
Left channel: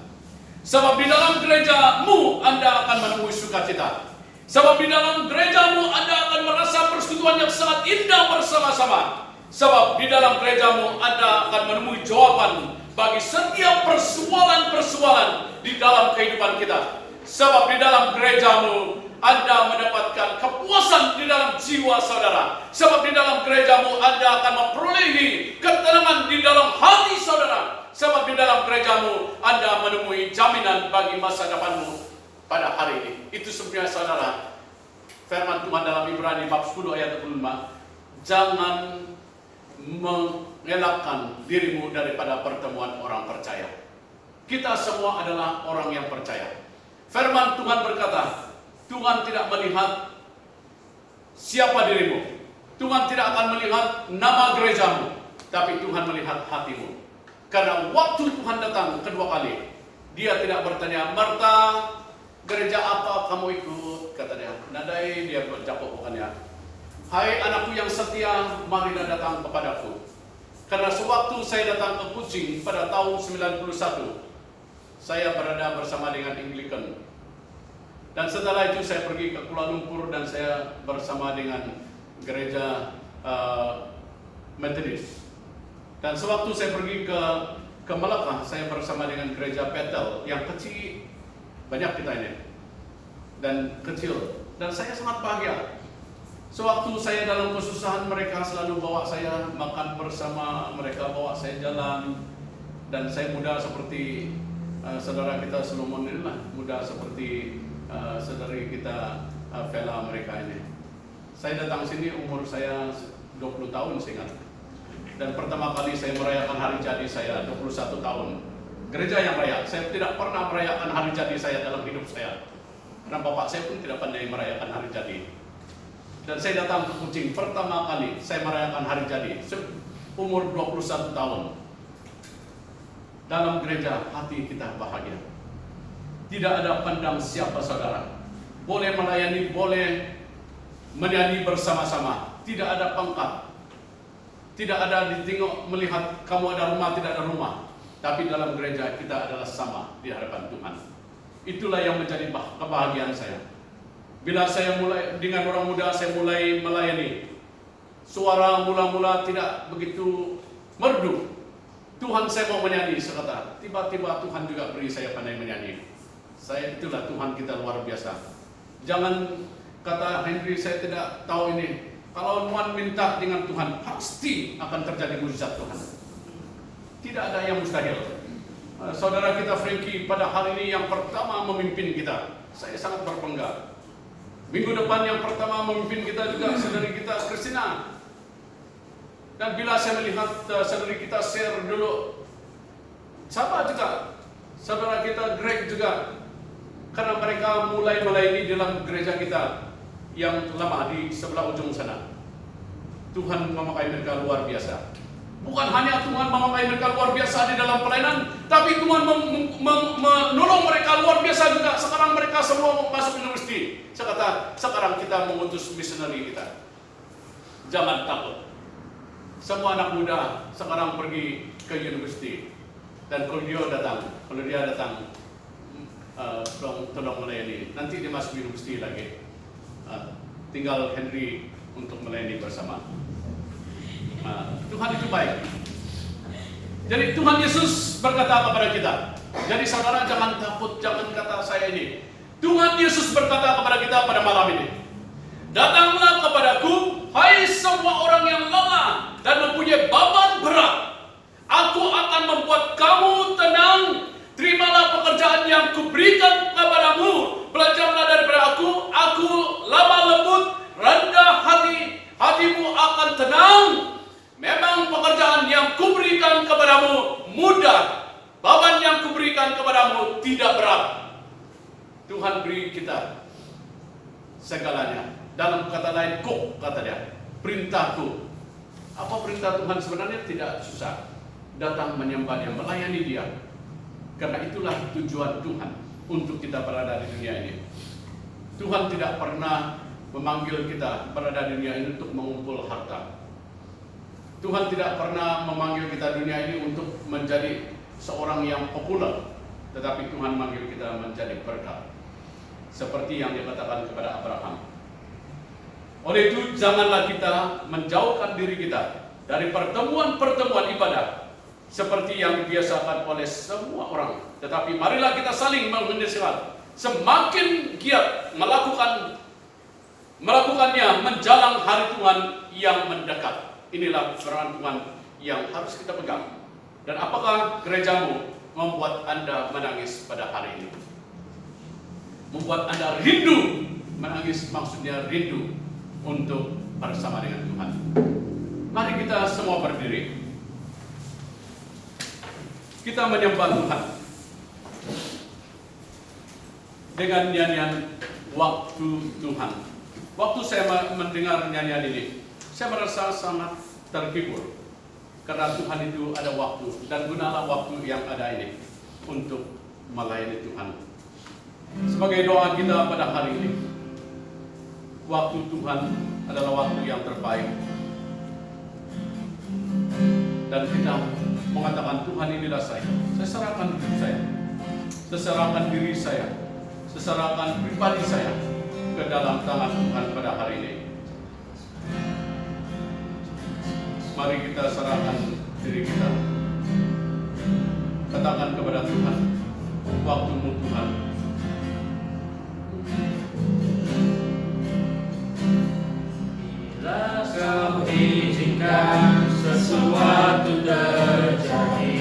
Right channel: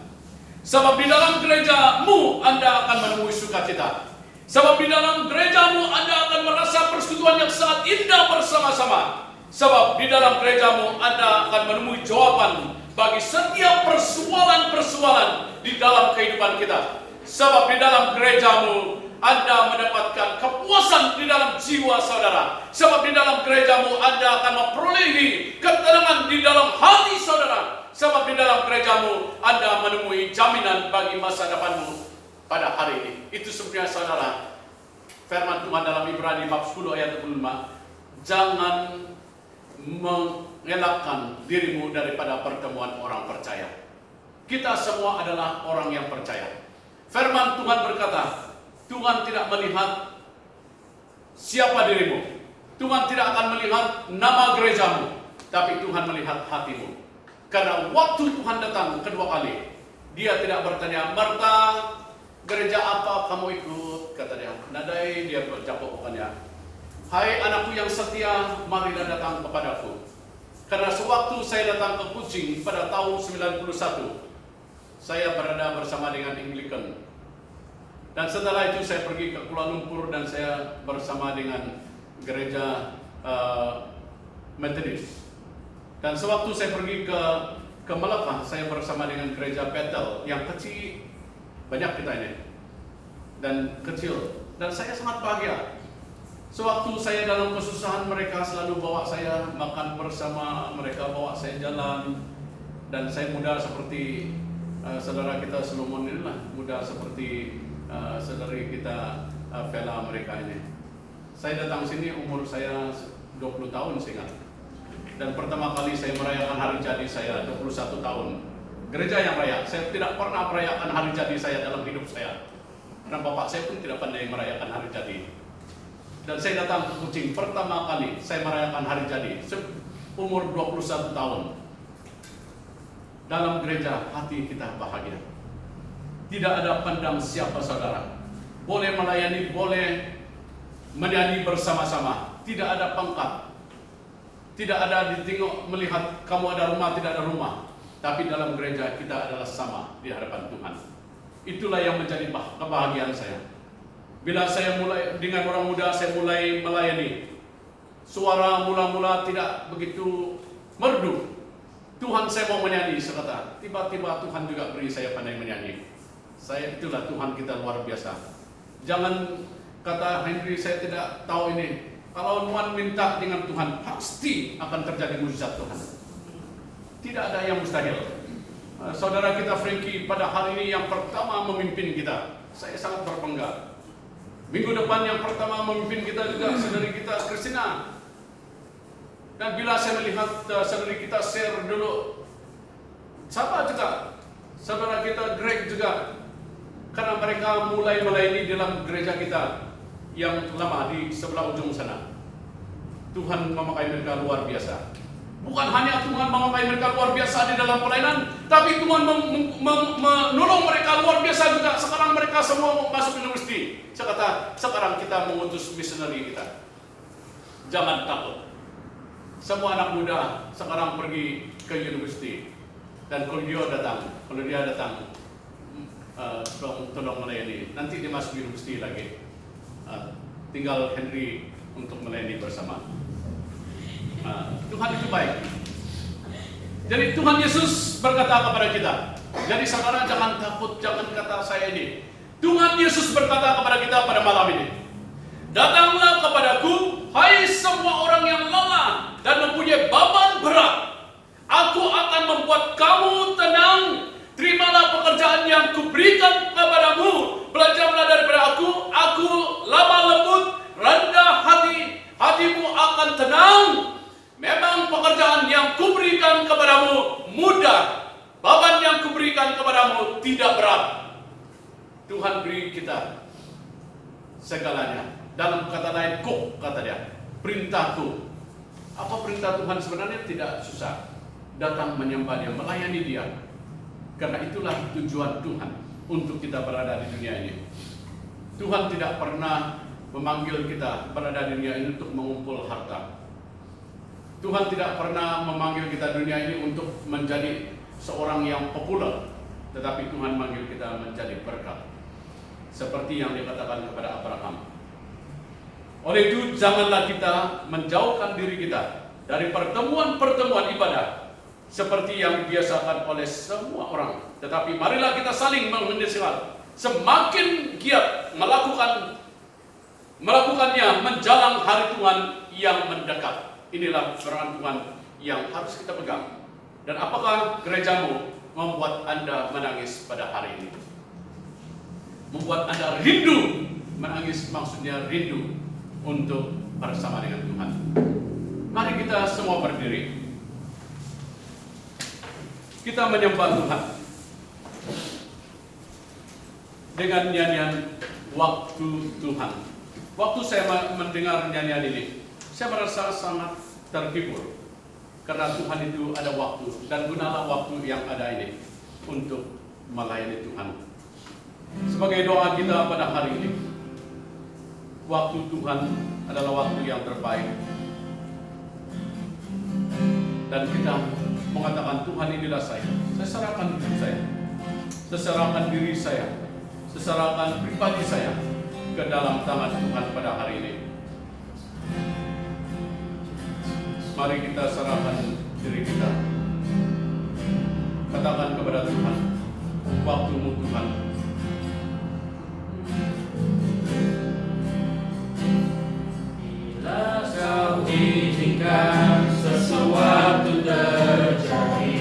Sebab di dalam gerejamu Anda akan menemui sukacita. Sebab di dalam gerejamu Anda akan merasa persekutuan yang sangat indah bersama-sama. Sebab di dalam gerejamu Anda akan menemui jawaban bagi setiap persoalan-persoalan di dalam kehidupan kita. Sebab di dalam gerejamu Anda mendapatkan kepuasan di dalam jiwa saudara. Sebab di dalam gerejamu Anda akan memperolehi ketenangan di dalam hati saudara. Sebab di dalam gerejamu Anda menemui jaminan bagi masa depanmu pada hari ini. Itu sebenarnya saudara, firman Tuhan dalam Ibrani bab 10 ayat 25. Jangan mengelakkan dirimu daripada pertemuan orang percaya. Kita semua adalah orang yang percaya. Firman Tuhan berkata, Tuhan tidak melihat siapa dirimu. Tuhan tidak akan melihat nama gerejamu, tapi Tuhan melihat hatimu. Karena waktu Tuhan datang kedua kali, dia tidak bertanya, Marta, gereja apa kamu ikut? Kata dia. Nadai dia berjawab bukannya. Hai anakku yang setia, marilah datang kepadaku. Karena sewaktu saya datang ke Kuching pada tahun 91, saya berada bersama dengan Anglican. Dan setelah itu saya pergi ke Kuala Lumpur dan saya bersama dengan gereja Methodist. Dan sewaktu saya pergi ke Melaka, saya bersama dengan gereja Bethel yang kecil, banyak kita ini, dan kecil. Dan saya sangat bahagia. Sewaktu saya dalam kesusahan, mereka selalu bawa saya makan bersama, mereka bawa saya jalan. Dan saya muda seperti saudara kita Solomon inilah muda seperti saudari kita Vela mereka ini. Saya datang sini umur saya 20 tahun seingat. Dan pertama kali saya merayakan hari jadi saya 21 tahun. Gereja yang raya. Saya tidak pernah merayakan hari jadi saya dalam hidup saya. Karena bapak saya pun tidak pandai merayakan hari jadi. Dan saya datang ke Kucing pertama kali saya merayakan hari jadi umur 21 tahun. Dalam gereja hati kita bahagia. Tidak ada pandang siapa saudara. Boleh melayani, boleh menyanyi bersama-sama. Tidak ada pangkat. Tidak ada ditengok melihat kamu ada rumah, tidak ada rumah. Tapi dalam gereja kita adalah sama di hadapan Tuhan. Itulah yang menjadi kebahagiaan saya. Bila saya mulai dengan orang muda, saya mulai melayani. Suara mula-mula tidak begitu merdu. Tuhan, saya mau menyanyi, saya kata. Tiba-tiba Tuhan juga beri saya pandai menyanyi. Itulah Tuhan kita luar biasa. Jangan kata Henry, saya tidak tahu ini. Kalau Tuhan minta dengan Tuhan, pasti akan terjadi mujizat Tuhan. Tidak ada yang mustahil. Saudara kita Frankie pada hari ini yang pertama memimpin kita. Saya sangat berbangga. Minggu depan yang pertama memimpin kita juga saudari kita Christina. Dan bila saya melihat saudari kita share dulu, sama juga saudara kita Greg juga. Karena mereka mulai melayani dalam gereja kita yang lama di sebelah ujung sana. Tuhan memakai mereka luar biasa. Bukan hanya Tuhan memakai mereka luar biasa di dalam pelayanan, tapi Tuhan menolong mereka luar biasa juga. Sekarang mereka semua masuk universiti. Saya kata, sekarang kita mengutus misioneri kita. Jangan takut. Semua anak muda sekarang pergi ke universiti. Dan kalau dia datang, tolong melayani. Nanti dia masuk universiti lagi. Tinggal Henry untuk melayani bersama. Tuhan itu baik. Jadi Tuhan Yesus berkata kepada kita. Jadi saudara jangan takut, jangan kata saya ini. Tuhan Yesus berkata kepada kita pada malam ini. Datanglah kepadaku, hai semua orang yang lelah dan mempunyai beban berat. Aku akan membuat kamu tenang. Terimalah pekerjaan yang kuberikan kepadamu. Belajarlah daripada aku lemah lembut, rendah hati. Hatimu akan tenang. Memang pekerjaan yang kuberikan kepadamu mudah. Beban yang kuberikan kepadamu tidak berat. Tuhan beri kita segalanya. Dalam kata lain, kata dia, perintahku. Apa perintah Tuhan sebenarnya? Tidak susah. Datang menyembah Dia, melayani Dia. Karena itulah tujuan Tuhan untuk kita berada di dunia ini. Tuhan tidak pernah memanggil kita berada di dunia ini untuk mengumpul harta. Tuhan tidak pernah memanggil kita dunia ini untuk menjadi seorang yang populer. Tetapi Tuhan memanggil kita menjadi berkat. Seperti yang dikatakan kepada Abraham. Oleh itu janganlah kita menjauhkan diri kita dari pertemuan-pertemuan ibadah. Seperti yang dibiasakan oleh semua orang. Tetapi marilah kita saling menasihat. Semakin giat melakukannya menjelang hari Tuhan yang mendekat. Inilah firman Tuhan yang harus kita pegang. Dan apakah gerejamu membuat Anda menangis pada hari ini? Membuat Anda rindu. Menangis maksudnya rindu untuk bersama dengan Tuhan. Mari kita semua berdiri. Kita menyembah Tuhan dengan nyanyian waktu Tuhan. Waktu saya mendengar nyanyian ini, saya merasa sangat terhibur. Karena Tuhan itu ada waktu, dan gunalah waktu yang ada ini untuk melayani Tuhan. Sebagai doa kita pada hari ini, waktu Tuhan adalah waktu yang terbaik. Dan kita mengatakan, Tuhan inilah saya serahkan hidup saya, saya serahkan diri saya, saya serahkan pribadi saya ke dalam tangan Tuhan pada hari ini. Mari kita serahkan diri kita. Katakan kepada Tuhan, waktumu Tuhan. Bila kau izinkan sesuatu terjadi,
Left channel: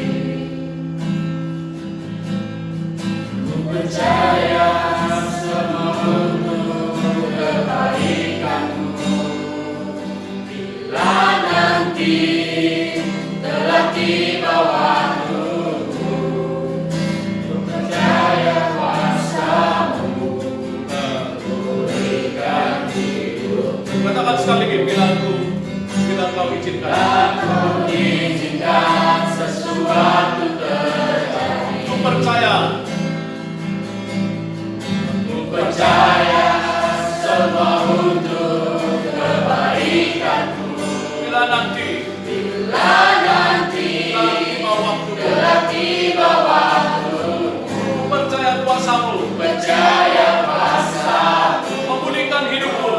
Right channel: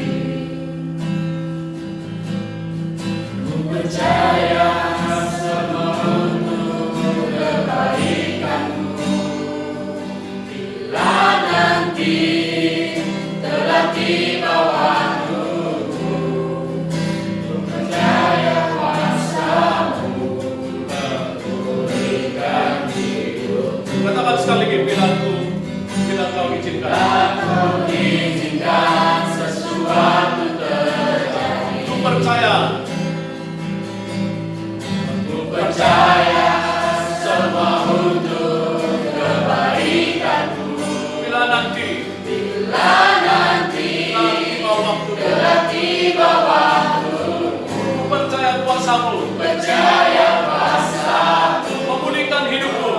Katakan sekali lagi, bila kau izinkan. sesuatu terjadi. Ku percaya. Ku percaya semua untuk kebaikanku. Bila nanti tiba waktu, ku percaya kuasamu, memulihkan hidupku.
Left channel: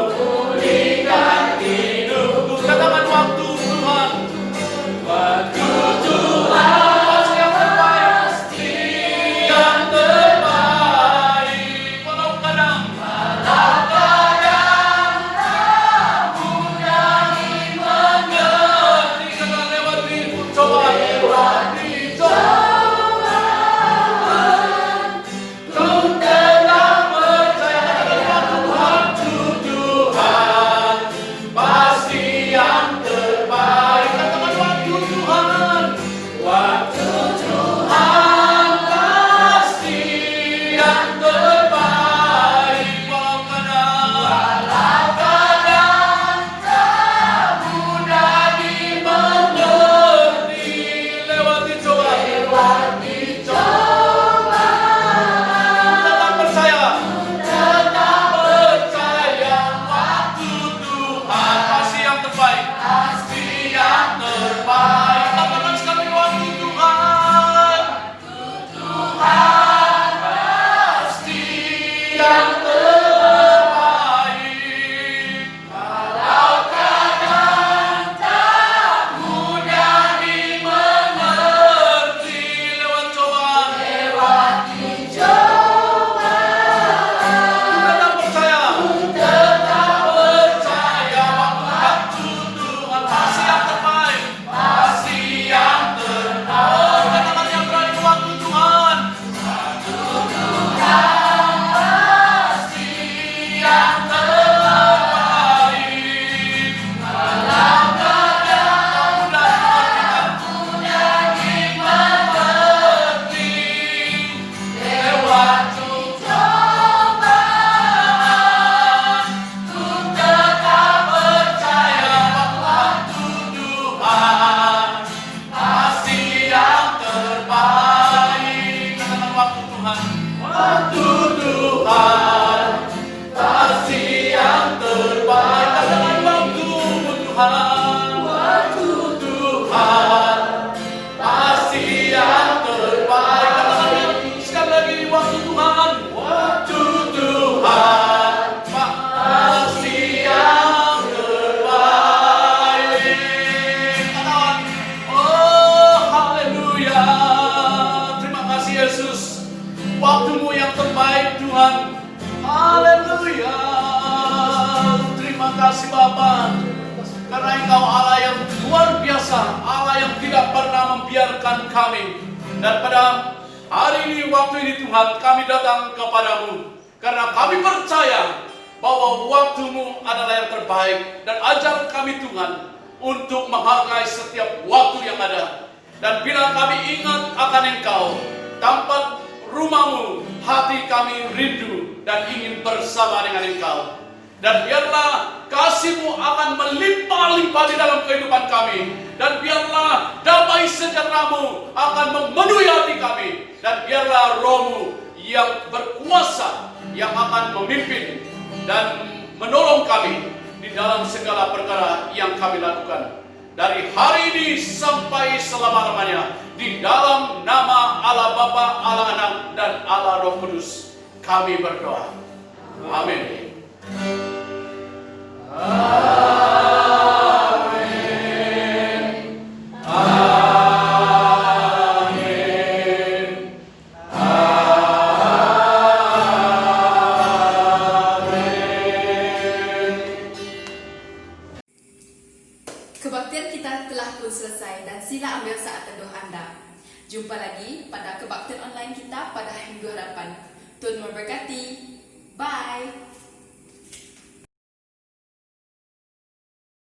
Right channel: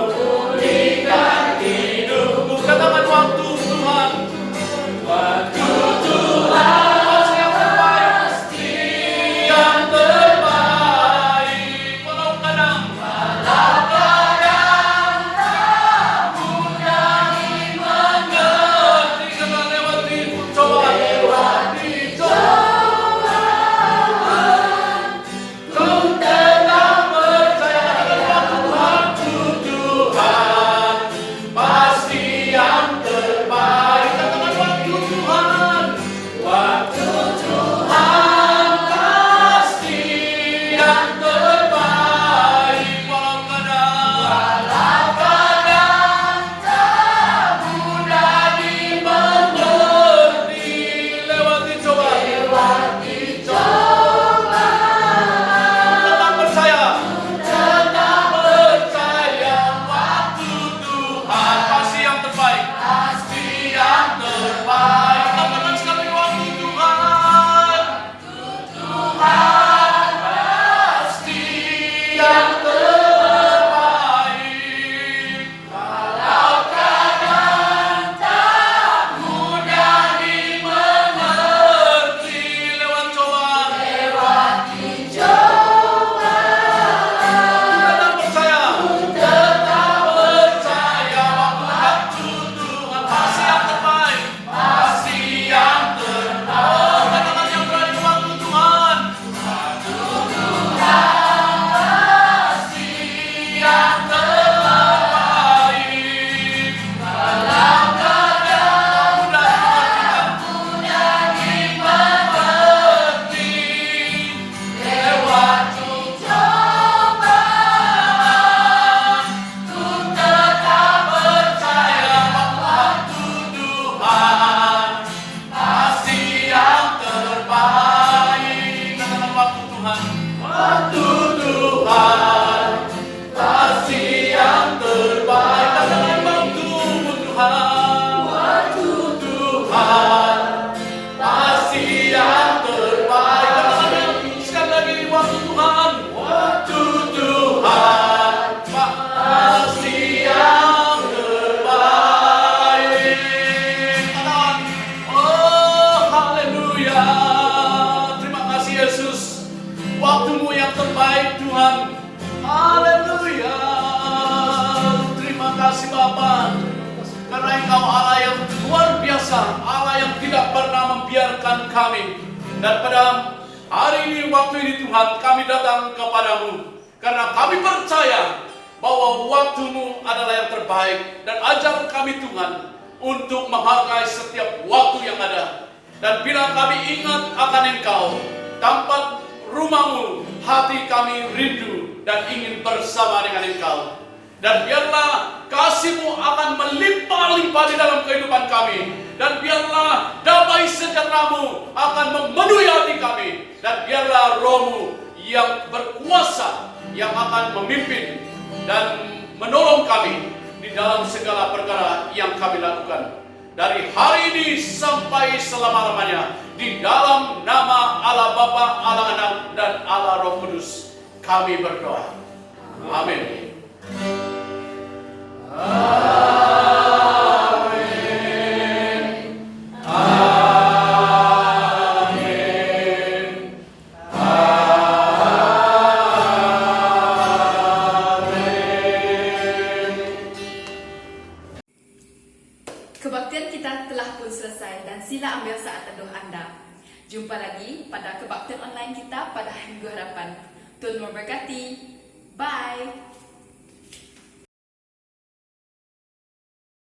Katakan waktu Tuhan, pasti yang terbaik, yang terbaik. Walau kadang mengerti, kadang lewati cobaan, kau tetap percaya. Katakan waktu Tuhan, pasti yang terbaik. Katakan waktu Tuhan, pasti yang terbaik. Walau kadang mudah dimengerti, lewati cobaan, tetap percaya, waktu Tuhan pasti yang terbaik, Katakan sekali waktu Tuhan, pasti yang terbaik. Walau kadang tak mudah dimengerti, lewat cobaan, tetap percaya, waktu Tuhan pasti yang terbaik, Katakan yang berani, waktu Tuhan, pasti yang terbaik. Walau kadang mudah dimengerti, lewat cobaan, ku tetap percaya waktu Tuhan pasti yang terbaik. Katakan waktu Tuhan, pasti yang terbaik. Katakan waktu Tuhan, pasti yang terbaik. Katakan sekali lagi, waktu Tuhan, pasti yang terbaik. Katakan, oh haleluya, terima kasih Yesus, waktumu yang terbaik Tuhan. Haleluya, terima kasih Bapa, karena Engkau Allah yang luar biasa, Allah yang tidak pernah membiarkan kami. Dan pada hari ini, waktu ini Tuhan, kami datang kepadamu karena kami percaya bahwa waktumu adalah yang terbaik. Dan ajar kami Tuhan untuk menghargai setiap waktu yang ada. Dan bila kami ingat akan Engkau, tempat rumahmu, hati kami rindu dan ingin bersama dengan Engkau. Dan biarlah kasih-Mu akan melimpah-limpah di dalam kehidupan kami. Dan biarlah damai sejahtera-Mu akan memenuhi hati kami. Dan biarlah Roh-Mu yang berkuasa, yang akan memimpin dan menolong kami di dalam segala perkara yang kami lakukan. Dari hari ini sampai selama-lamanya, di dalam nama Allah Bapa, Allah Anak, dan Allah Roh Kudus, kami berdoa. Amin. Kebaktian kita telah pun selesai dan sila ambil saat teduh anda. Jumpa lagi pada kebaktian online kita pada Minggu Harapan. Tuhan memberkati. Bye.